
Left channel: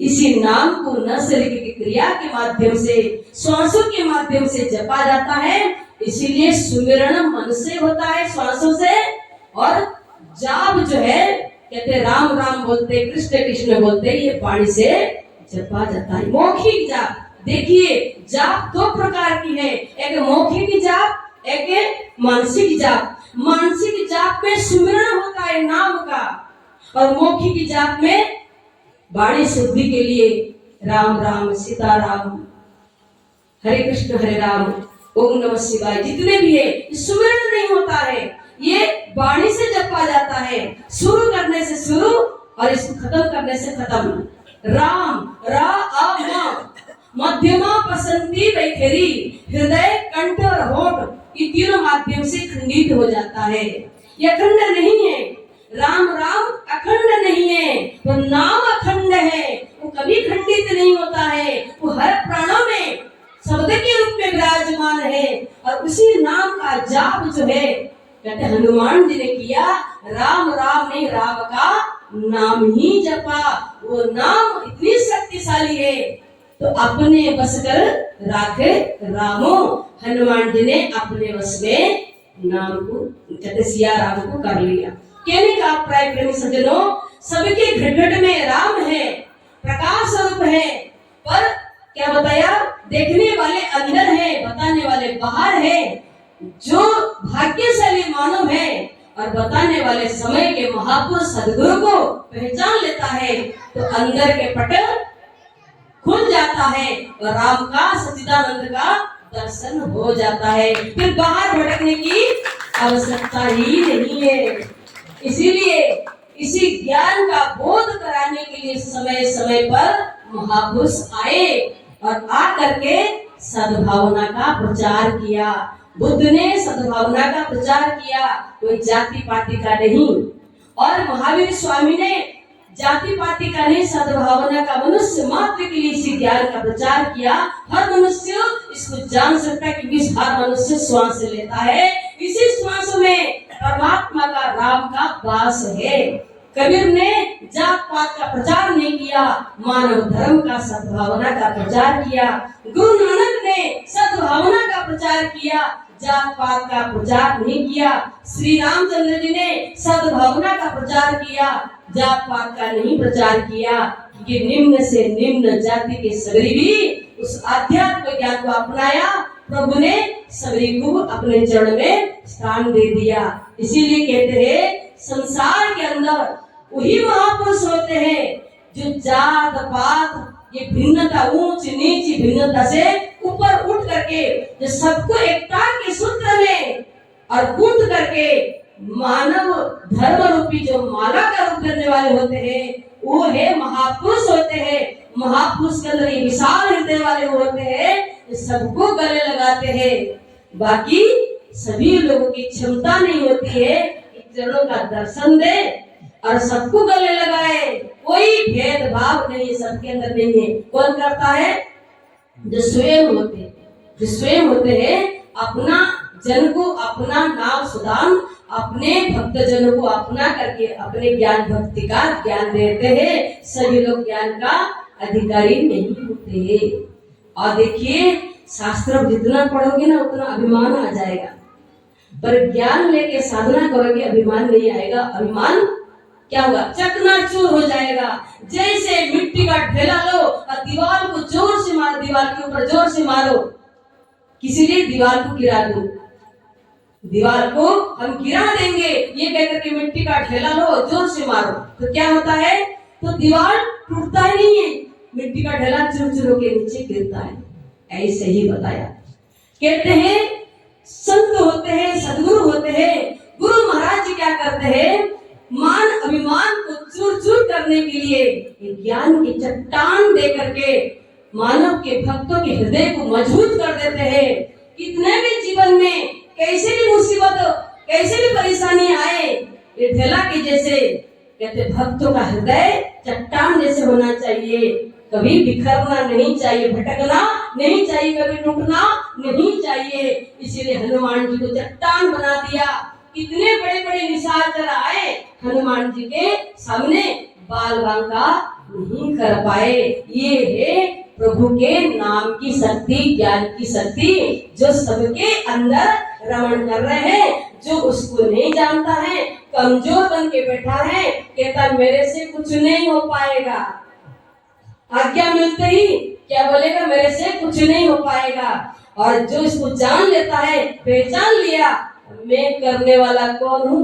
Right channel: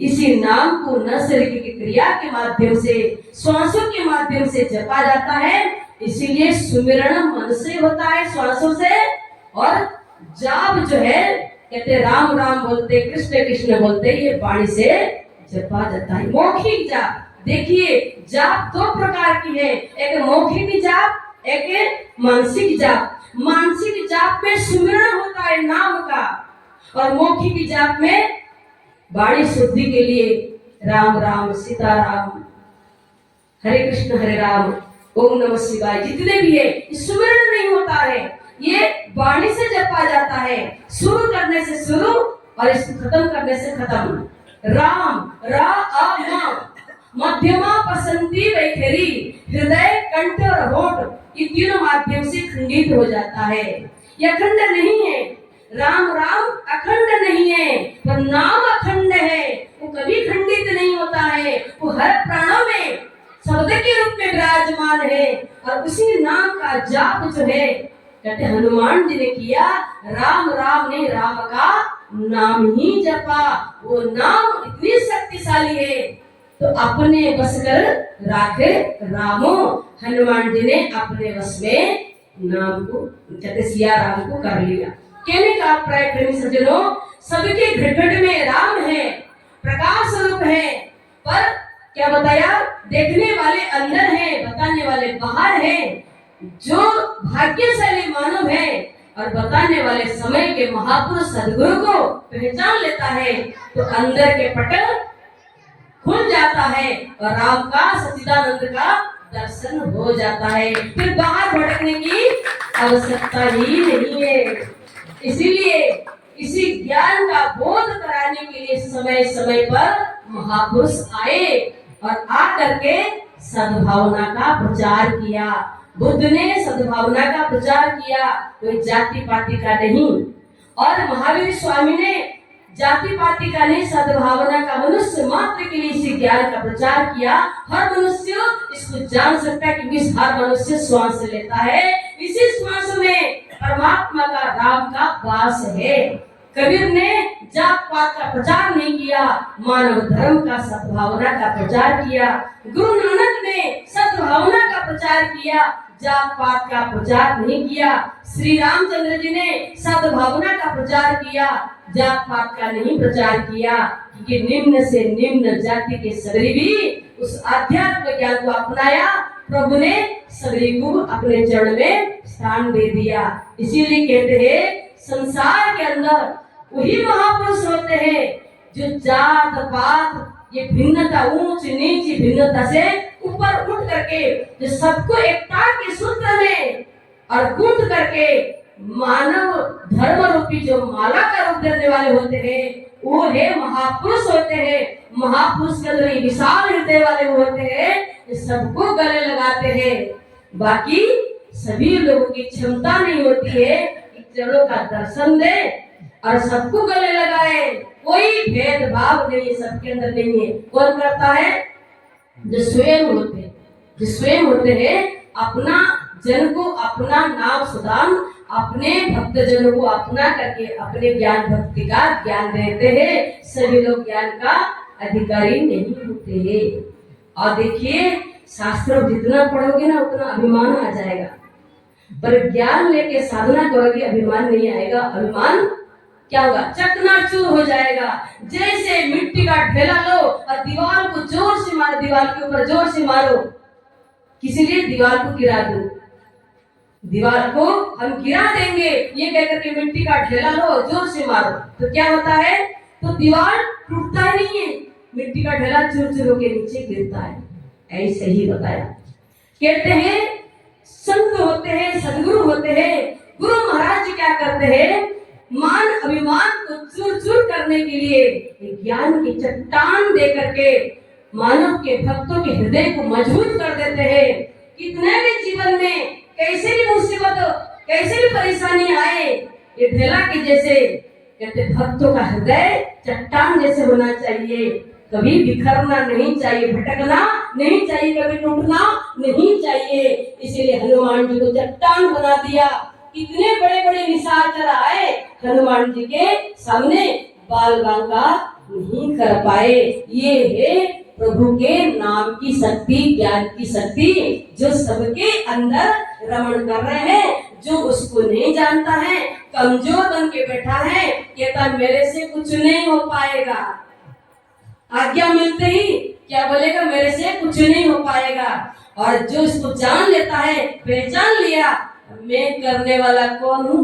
इसी नाम को न शरीर की क्रिया के माध्यम से, श्वासों के माध्यम से जपा जाता है। इसीलिए सुमिरन मन से होता है, श्वासों से, और जाप जो है, कहते राम राम बोलते, कृष्ण कृष्ण बोलते, ये वाणी से जपा जाता है। मौखिक जाप, देखिए जाप 2 प्रकार की है, एक मौखिक जाप, एक मानसिक जाप। मानसिक जाप में सुमिरन होता है नाम का, और मौखिक जाप में वाणी शुद्धि के लिए राम राम सीताराम, हरे कृष्ण हरे राम, ओम नमः शिवाय, जितने भी है, सुमिरन नहीं होता है, ये वाणी से जपा जाता है। शुरू करने से शुरू और इसको खत्म करने से खत्म। राम रा अ म, मध्यमा पसंती वैखरी, हृदय कंठ और होठ, ये तीनों माध्यम से खंडित हो जाता है। यह अखंड नहीं है। राम राम अखंड नहीं है, पर नाम अखंड है, वो कभी खंडित नहीं होता है। वो हर प्राणों में शब्द के रूप में विराजमान है, और उसी नाम का जाप जो है, कहते हनुमान जी ने किया, राम राम नहीं, राम का नाम ही जपा। वो नाम इतनी शक्तिशाली है, तो अपने बस कर राखे रामो। हनुमान जी ने अपने वश में नाम को, कहते सिया राम को कर लिया। कहने का प्राय प्रेमी सज्जनों, सबके घट घट में राम है, प्रकाश स्वरूप है, पर क्या बताया, देखने वाले अंदर है, बताने वाले बाहर है। जो भाग्यशाली मानव है और बताने वाले समय के महापुरुष सदगुरु को पहचान लेता है, तो अंदर के पट खुल जाता है और राम का, सच्चिदानंद का दर्शन हो जाता है। फिर बाहर भटकने की आवश्यकता ही नहीं है। इसीलिए इसी ज्ञान का बोध कराने के लिए समय समय पर महापुरुष आए और आकर के सद्भावना का प्रचार किया। बुद्ध ने सद्भावना का प्रचार किया, कोई जाति पाति का नहीं। और महावीर स्वामी ने जाति पाति का नहीं, सद्भावना का, मनुष्य मात्र के लिए इसी ज्ञान का प्रचार किया। हर मनुष्य इसको जान सकता है क्योंकि हर मनुष्य श्वास लेता है, इसी श्वास में परमात्मा का, राम का वास है। कबीर ने जात पात का प्रचार नहीं किया, मानव धर्म का, सद्भावना का प्रचार किया। गुरु नानक ने सद्भावना का प्रचार किया, जात पात का प्रचार नहीं किया। श्री रामचंद्र जी ने सद्भावना का प्रचार किया, जात पात का नहीं प्रचार किया, क्योंकि निम्न से निम्न जाति के सगरी भी उस आध्यात्म ज्ञान को अपनाया। प्रभु ने सभी को अपने चरण में स्थान दे दिया। इसीलिए कहते हैं संसार के अंदर वही महापुरुष होते हैं जो जात पात, ये भिन्नता, ऊंच नीच भिन्नता से ऊपर उठ करके, जो सबको एकता के सूत्र में और गूंथ करके मानव धर्म रूपी जो माला का रूप देने वाले होते हैं, वो है महापुरुष होते हैं। महापुरुष के अंदर विशाल हृदय वाले होते हैं, सबको गले लगाते हैं। बाकी सभी लोगों की क्षमता नहीं होती है कि चरणों का दर्शन दे और सबको गले लगाए। कोई भेदभाव नहीं, सबके अंदर नहीं है। कौन करता है? जो स्वयं होते हैं अपना जन को, अपना नाम सुदाम, अपने भक्त जनों को अपना करके अपने ज्ञान भक्ति का ज्ञान देते हैं। सभी लोग ज्ञान का अधिकारी नहीं होते। और देखिए शास्त्र जितना पढ़ोगे ना उतना अभिमान आ जाएगा, पर ज्ञान लेके साधना करोगे अभिमान नहीं आएगा। अभिमान क्या होगा? चकनाचूर हो जाएगा। जैसे मिट्टी का ढेला लो और दीवार को जोर से मारो, दीवार के ऊपर जोर से मारो, किसी लिए दीवार को गिरा दो, दीवार को हम गिरा देंगे ये कहकर के मिट्टी का ढेला लो जोर से मारो, तो क्या होता है? तो दीवार टूटता ही नहीं है, मिट्टी का ढेला चूर चूर के नीचे गिरता है। ऐसे ही बताया। कहते हैं संत होते हैं, सदगुरु होते हैं। गुरु महाराज जी क्या करते हैं? मान अभिमान को चूर चूर करने के लिए ज्ञान की चट्टान दे करके मानव के भक्तों के हृदय को मजबूत कर देते हैं। कितने भी जीवन में कैसे भी मुसीबत, कैसे भी परेशानी आए, ये ढेला के जैसे कहते भक्तों का हृदय चट्टान जैसे होना चाहिए। कभी बिखरना नहीं चाहिए, भटकना नहीं चाहिए, कभी टूटना नहीं चाहिए। इसीलिए हनुमान जी को चट्टान बना दिया। कितने बड़े बड़े निशाचर आए, हनुमान जी के सामने बाल बांका नहीं कर पाए। ये है प्रभु के नाम की शक्ति, ज्ञान की शक्ति, जो सबके अंदर रमण कर रहे हैं। जो उसको नहीं जानता है, कमजोर बन के बैठा है, कहता मेरे से कुछ नहीं हो पाएगा। आज्ञा मिलते ही क्या बोलेगा? मेरे से कुछ नहीं हो पाएगा। और जो इसको जान लेता है, पहचान लिया मैं करने वाला कौन हूँ,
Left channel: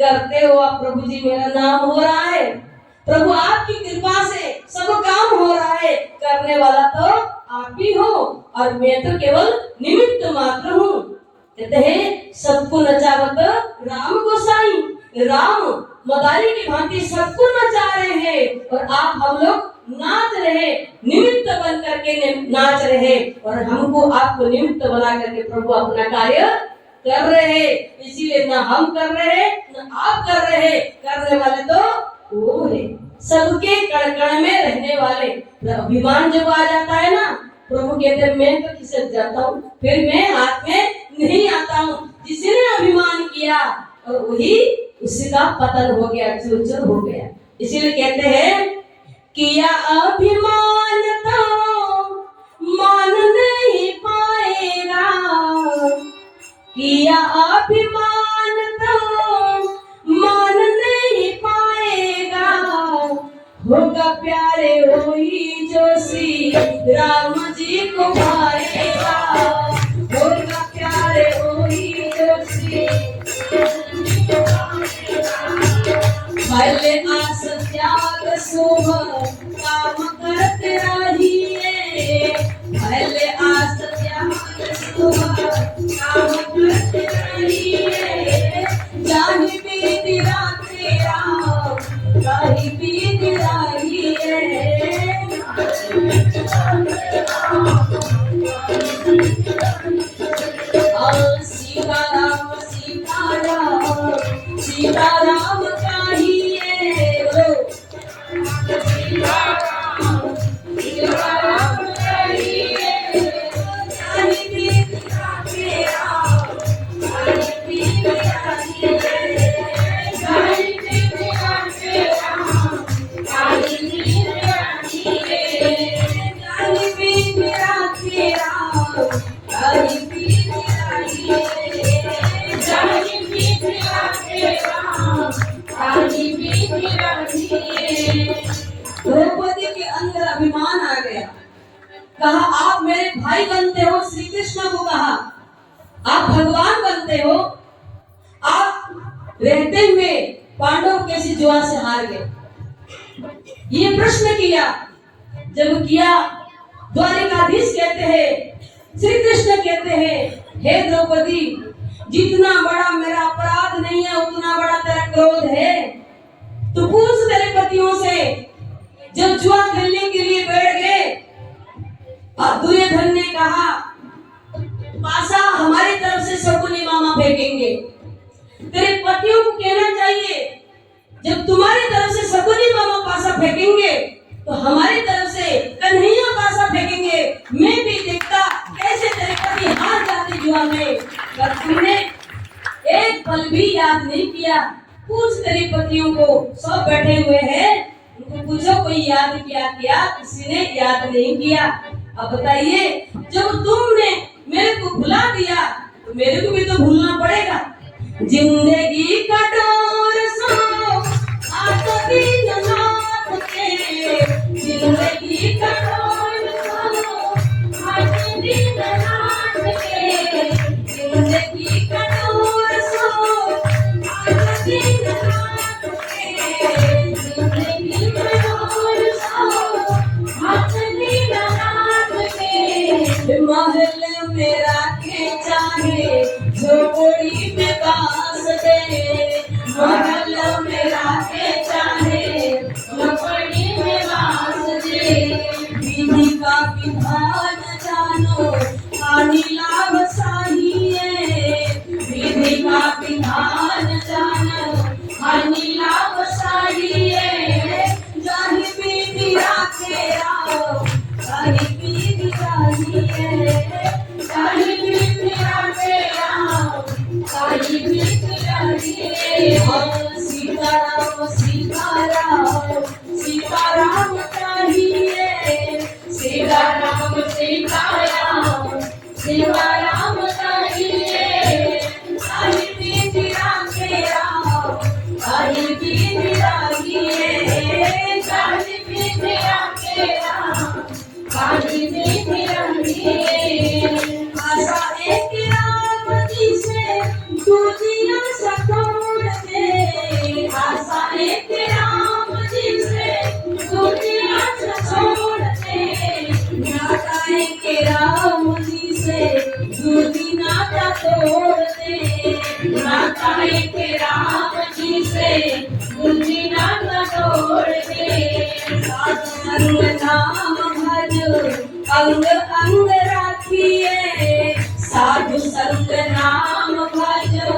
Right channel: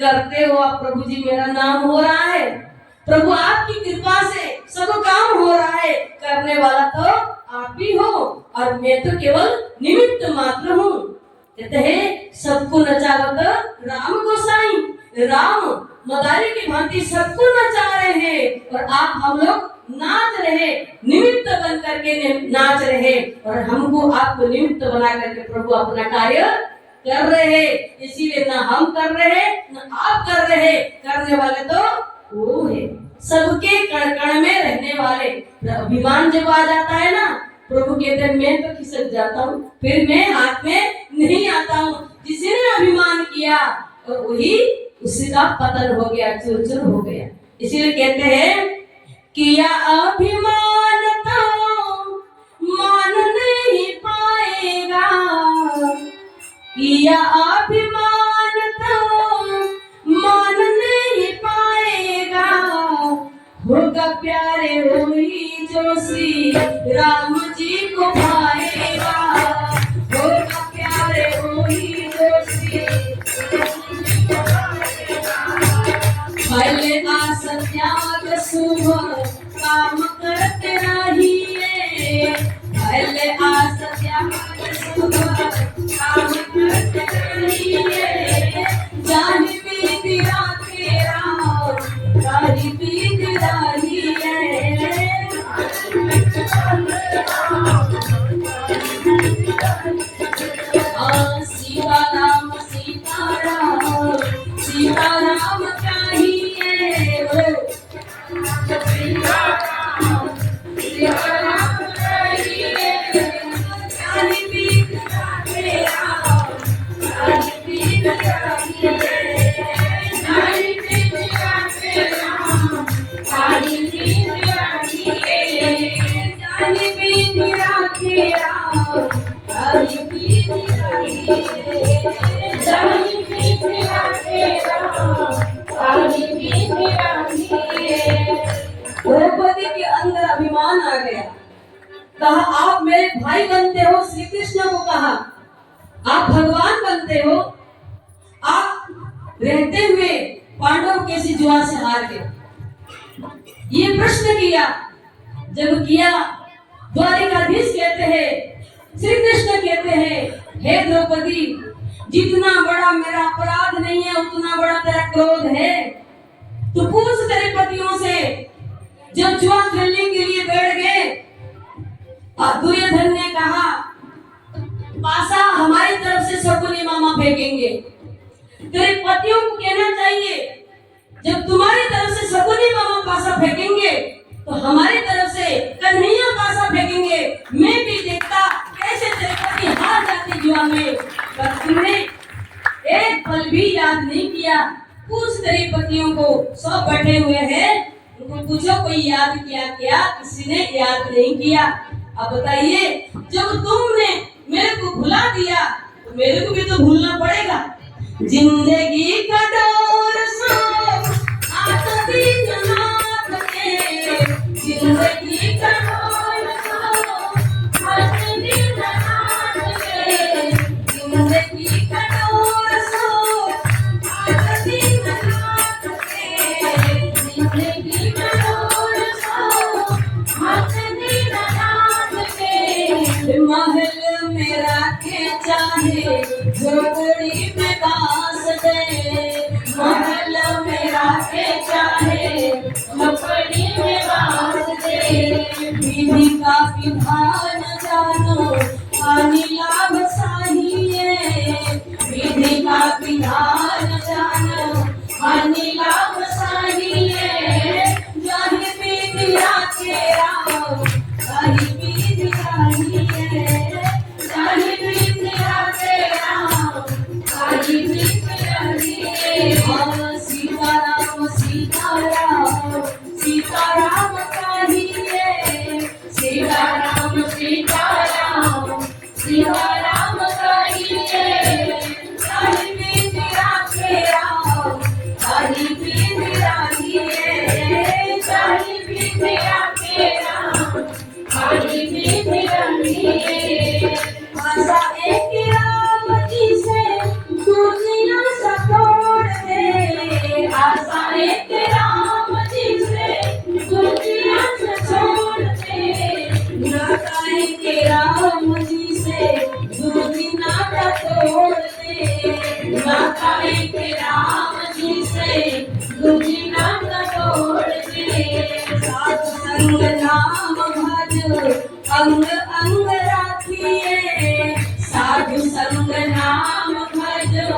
करते हो आप प्रभु जी, मेरा नाम हो रहा है, प्रभु आपकी कृपा से सब काम हो रहा है, करने वाला तो आप ही हो और मैं तो केवल निमित्त मात्र हूँ। कहते हैं सबको नचावत राम गोसाई, राम मदारी की भांति सबको नचा रहे हैं और आप हम लोग नाच रहे, निमित्त बन करके नाच रहे, और हमको आपको निमित्त बना करके प्रभु अपना कार्य कर रहे हैं। इसीलिए ना हम कर रहे हैं ना आप कर रहे हैं, करने वाले तो वो है, सबके कण कण में रहने वाले। अभिमान जब आ जाता है ना, प्रभु कहते हैं मैं तो खिसक जाता हूँ, फिर मैं हाथ में नहीं आता हूँ। जिसने अभिमान किया और वही उसका पतन हो गया, चूर चूर हो गया। इसीलिए कहते हैं किया अभिमान तो मान नहीं पाएगा, किया अभिमान तो मान नहीं पाएगा, होगा प्यारे वही जो श्री राम जी को पाएगा, होगा प्यारे वही जो श्री भले आस त्याग शुभ काम करते रहिए, भले आस त्याग शुभ काम करते रहिए, जाहि बीत राखे राम ताहि बीत रहिए। कहा आप मेरे भाई बनते हो, श्री कृष्ण को कहा आप भगवान बनते हो, आप रहते हुए पांडव कैसे जुआ से हार गए? ये प्रश्न किया। जब किया, द्वारिकाधीश कहते हैं, श्री कृष्ण कहते हैं, हे द्रौपदी, जितना बड़ा मेरा अपराध नहीं है उतना बड़ा तेरा क्रोध है। तो पूछ तेरे पतियों से, जब जुआ खेलने के लिए बैठ गए, दुर्योधन ने कहा पासा हमारी तरफ से शकुनी मामा फेंकेंगे। तेरे पतियों को कहना चाहिए, जब तुम्हारी तरफ से शकुनी मामा पासा फेंकेंगे तो हमारी तरफ से कन्हैया पासा फेंकेंगे। मैं भी देखता कैसे तेरे पति हार जाते जुआ में। पर तुमने एक पल भी याद नहीं किया। पूछ तेरे पतियों को, सब बैठे हुए हैं, उनको पूछो कोई याद किया? किसी ने याद नहीं किया। अब बताइए, जब तुमने मेरे को भुला दिया तो मेरे को भी तो भूलना पड़ेगा। जिंदगी का डोर सो हाथ दिन हाथ के, जिंदगी का डोर सो हाथ दिन हाथ के, जिंदगी का डोर सो हाथ दिन हाथ के, जिंदगी का डोर सो हाथ दिन हाथ के। महल मेरा के चाहे झोपड़ी में बास दे, महल मेरा के चाहे झोपड़ी में बास दे। विधि का विधान जानो हानि लाभ साहिए, विधि का विधान जानो हानि लाभ साहिए। जाहि विधि राखे राव ताहि विधि जाहिए, जाहि विधि राखे राव ताहि विधि जाहिए। सीताराम सीताराम सीताराम कहिए, सीताराम सीताराम सीताराम कहिए। ताहि विधि राखे राव ताहि विधि जाहिए, ताहि विधि राखे राव ताहि विधि जाहिए। आशा एक राम जी से दूजिया सतोड़ दे, आशा एक राम जी से दूजिया छोड़ दे। नाता एक राम जी से दूजी नाता तोड़ दे, नाता एक राम जी से दूजी नाता तोड़ दे। साधु संग नाम भज अंग अंग राखिए, साधु संग नाम भजो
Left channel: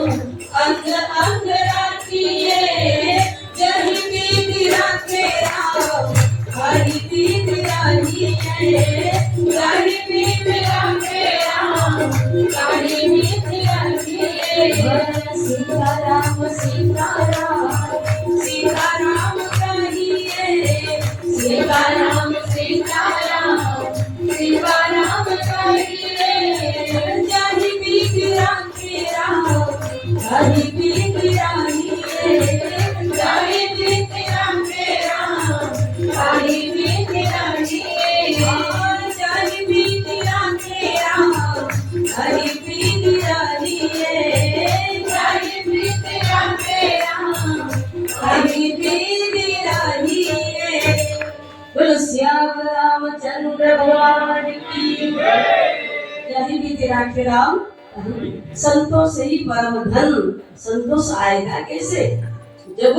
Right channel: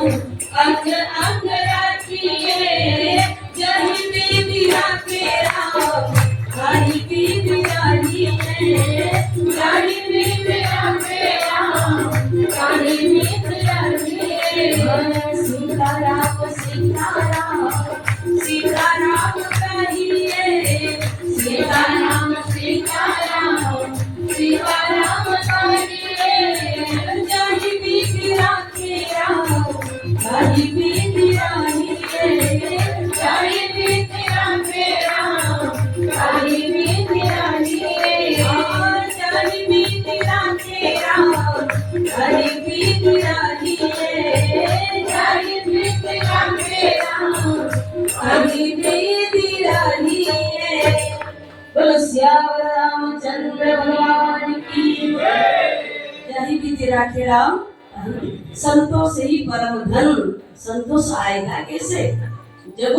अंग अंग राखिए। जहि विधि राखे राव ताहि विधि जाहिए, जहि विधि राखे राव ताहि विधि जाहिए। सीताराम सीताराम सीताराम कहिए, सीताराम सीताराम सीताराम कहिए। जाहि विधि राखे राव ताहि विधि जाहिए, जाहि विधि राखे राव ताहि विधि जाहिए। जाहि विधि राखे राव ताहि विधि जाहिए, जाहि विधि राखे राव ताहि विधि जाहिए। बोलो सियावर रामचंद्र भगवान की जय। विधि राखे राम, संतोष ही परम धन। संतोष आएगा कैसे? जब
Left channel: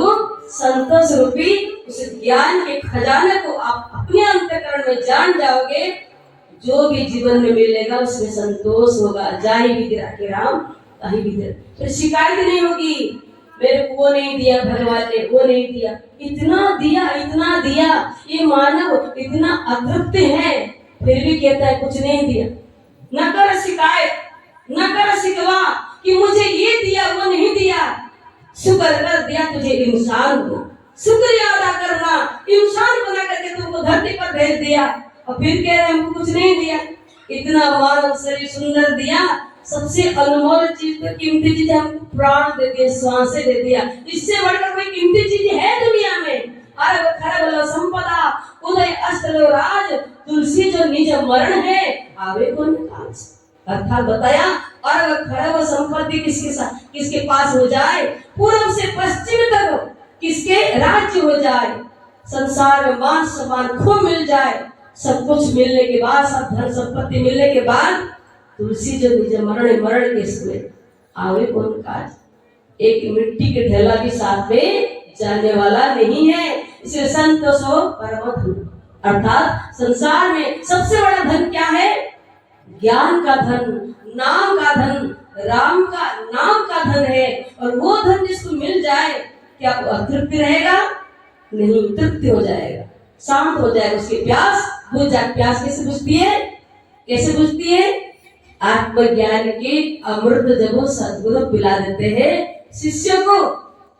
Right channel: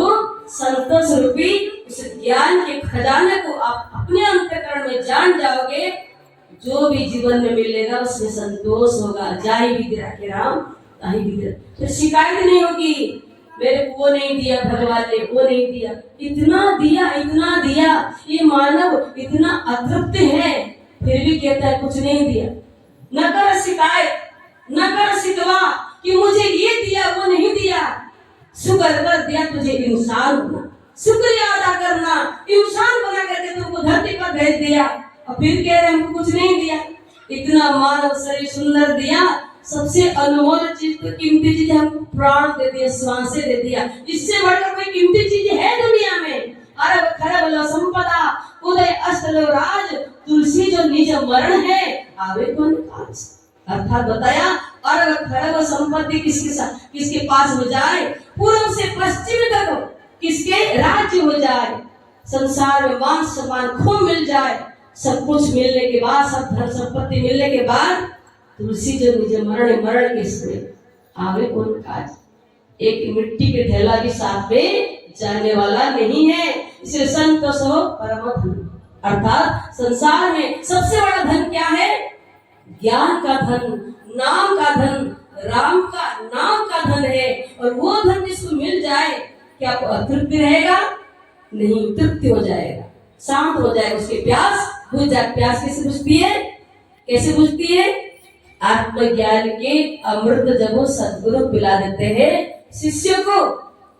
संतोष रूपी उस ज्ञान के खजाने को आप अपने अंतःकरण में जान जाओगे, जो भी जीवन में मिलेगा उसमें संतोष होगा। जय विधि राखे राम ताहि विधि, फिर शिकायत नहीं होगी, मेरे को वो नहीं दिया भगवान ने, वो नहीं दिया, इतना दिया इतना दिया। ये मानव इतना अतृप्त है फिर भी कहता है कुछ नहीं दिया। न कर शिकायत, न कर शिकवा कि मुझे ये दिया वो नहीं दिया। शुक्र कर दिया तुझे इंसान होना, शुक्रिया अदा करना। इंसान बना करके तुमको धरती पर भेज दिया और फिर कह रहे हमको कुछ नहीं दिया। इतना मानव शरीर सुंदर दिया, सबसे अनमोल चीज तो कीमती चीज हमको प्राण दे दिया, श्वासें दे दिया। इससे बढ़कर कोई कीमती चीज है दुनिया में? अरब खरब लो संपदा, उदय अस्त लो राज, तुलसी जो निज मरण है आवे कौन काज। अर्थात बताया, और अगर खरब संपत्ति किसके पास हो जाए, पूर्व से पश्चिम तक किसके राज्य हो जाए, संसार में मान सम्मान खूब मिल जाए, सब कुछ मिलने के बाद, सब धन संपत्ति मिलने के बाद, तुलसी जो निज मरण के समय आवे कौन काज। एक मिट्टी के ढेला भी साथ में जाने वाला नहीं है। इसलिए संतोष हो परम धन। अर्थात संसार में सबसे बड़ा धन क्या है? ज्ञान का धन, नाम का धन, राम का नाम का धन है। और वो धन जिसको मिल जाए, क्या वो अतृप्ति रहेगा? नहीं, तृप्ति हो जाएगा, शांत हो जाएगा, उसकी प्यास बुझ जाए। प्यास कैसे बुझती है? कैसे बुझती है? आत्मज्ञान के अमृत जब वो सद्गुरु पिला देते हैं शिष्य को,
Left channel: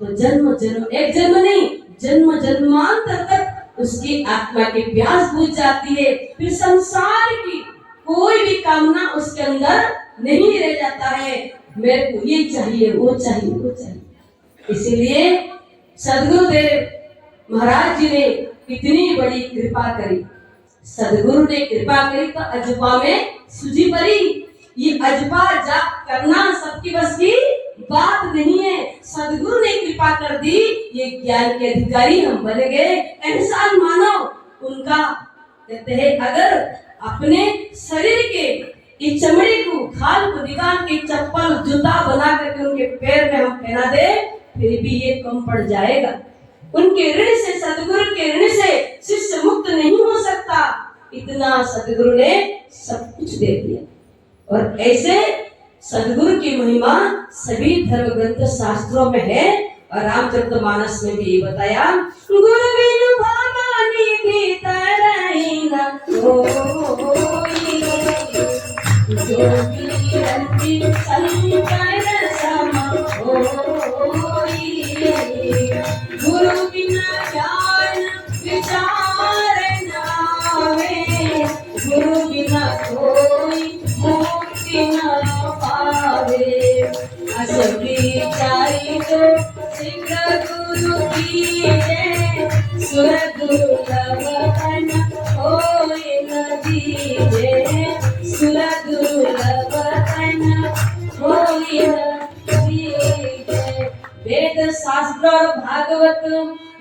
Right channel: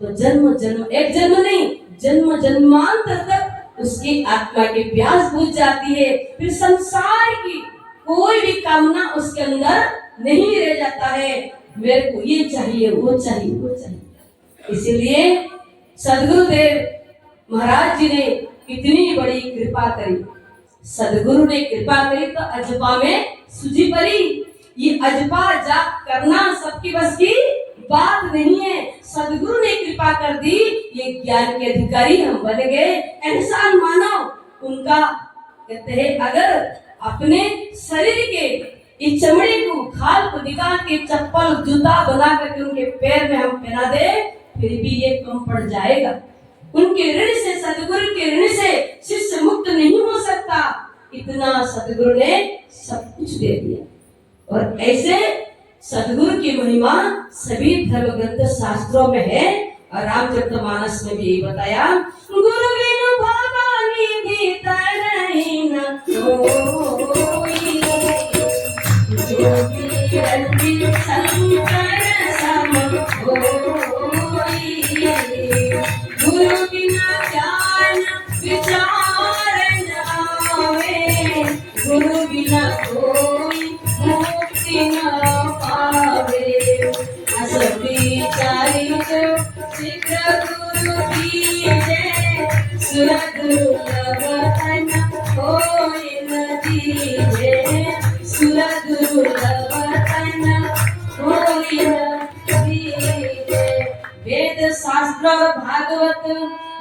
तो जन्म जन्म, एक जन्म नहीं, जन्म जन्मांतर तक उसकी आत्मा की प्यास बुझ जाती है। फिर संसार की कोई भी कामना उसके अंदर नहीं रह जाता है, मेरे को ये चाहिए, वो चाहिए, वो चाहिए। इसीलिए सदगुरुदेव महाराज जी ने कितनी बड़ी कृपा करी। सदगुरु ने कृपा करी तो अजपा में सूझी पड़ी। ये अजपा जाप करना सबकी बस की बात नहीं है। सदगुरु ने कृपा कर दी, ये ज्ञान के अधिकारी हम बन गए। इंसान मानव उनका कहते हैं, अगर अपने शरीर के इस चमड़े को, खाल को निकाल के चप्पल जूता बना करके उनके पैर में हम पहना दे, फिर भी ये कम पड़ जाएगा। उनके ऋण से, सदगुरु के ऋण से शिष्य मुक्त नहीं हो सकता। इतना सदगुरु ने सब कुछ दे दिया। और ऐसे सदगुरु की महिमा सभी धर्म ग्रंथ शास्त्रों में है। और रामचरितमानस में भी यही बताया, गुरु बिनु भवानी भीतर न होई, जोगी रंजित शंकर सम होई। गुरु बिना ज्ञान विचार न आवे, गुरु बिना कोई मुक्ति न पावे। असती चारित शीघ्र गुरु दीजे, सुरदुर्लभ तन होय न दीजे, सुरदुर्लभ तन होय न दीजे। वेद शास्त्र और भागवत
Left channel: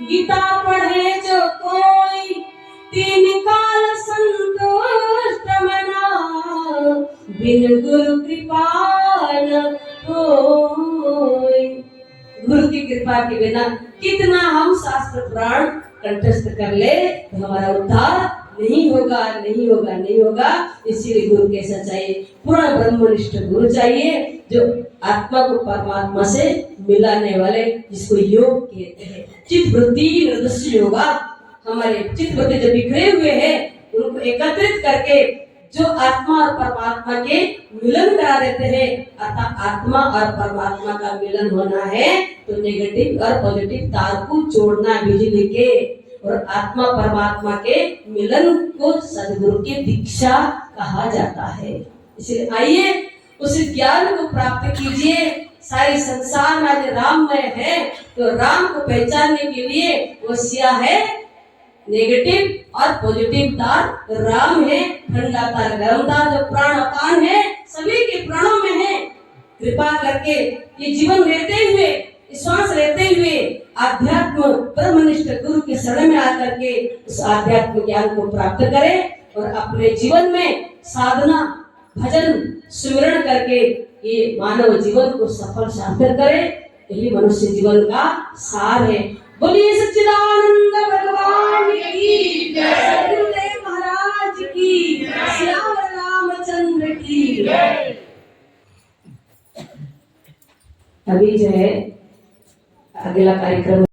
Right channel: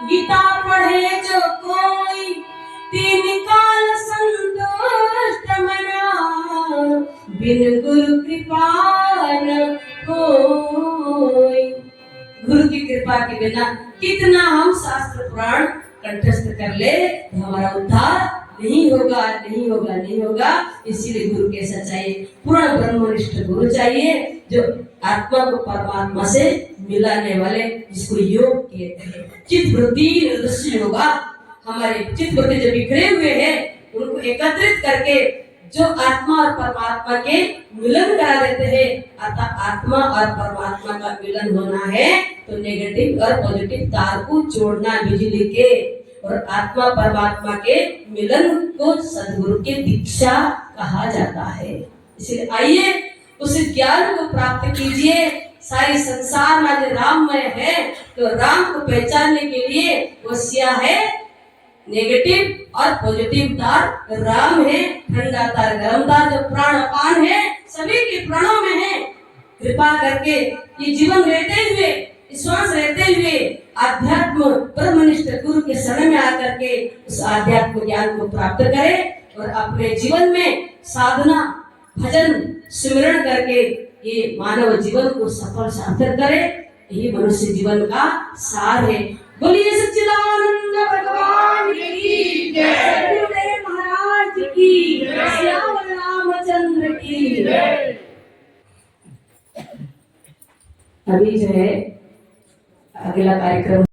गीता पढ़े जो कोई, तीन काल संतुष्ट मना, बिन गुरु कृपा न होय। गुरु की कृपा के बिना कितना हम शास्त्र पुराण कंठस्थ कर ले, तो हमारा उद्धार नहीं होगा, नहीं होगा, नहीं होगा। इसीलिए गुरु कैसा चाहिए? पूर्ण ब्रह्मनिष्ठ गुरु चाहिए, जो आत्मा को परमात्मा से मिलाने वाले, जिसको योग कहते हैं। चित्त वृत्ति निर्दृश्य होगा। हमारे चित्त वृत्ति जो बिखरे हुए हैं, उनको एकत्रित करके जो आत्मा और परमात्मा के मिलन करा देते हैं। अर्थात आत्मा और परमात्मा का मिलन होना है तो नेगेटिव और पॉजिटिव तार को जोड़ना बिजली के, और आत्मा परमात्मा के मिलन को सदगुरु की दीक्षा कहा जाता है। इसलिए आइए उस ज्ञान को प्राप्त कीजिए। सारे संसार में आज राममय है, तो राम को पहचानने के लिए वसिया है नेगेटिव और पॉजिटिव तार। राम है ठंडा तार, गर्म तार, जो प्राण अपान है सभी के प्राणों में है। कृपा करके ये जीवन रहते हुए, श्वास रहते हुए आध्यात्म ब्रह्मनिष्ठ गुरु के शरण में आकर के उस आध्यात्म ज्ञान को प्राप्त करें और अपने जीवन में साधना, भजन, सुमिरन करके ये मानव जीवन को सफल सार्थक करे। यही मनुष्य जीवन का सार है। बोलिए सच्चिदानंद भगवान की जय, सद्गुरुदेव महाराज की जय, श्याम रामचंद्र की जय। अभी जो है अगला कार्यक्रम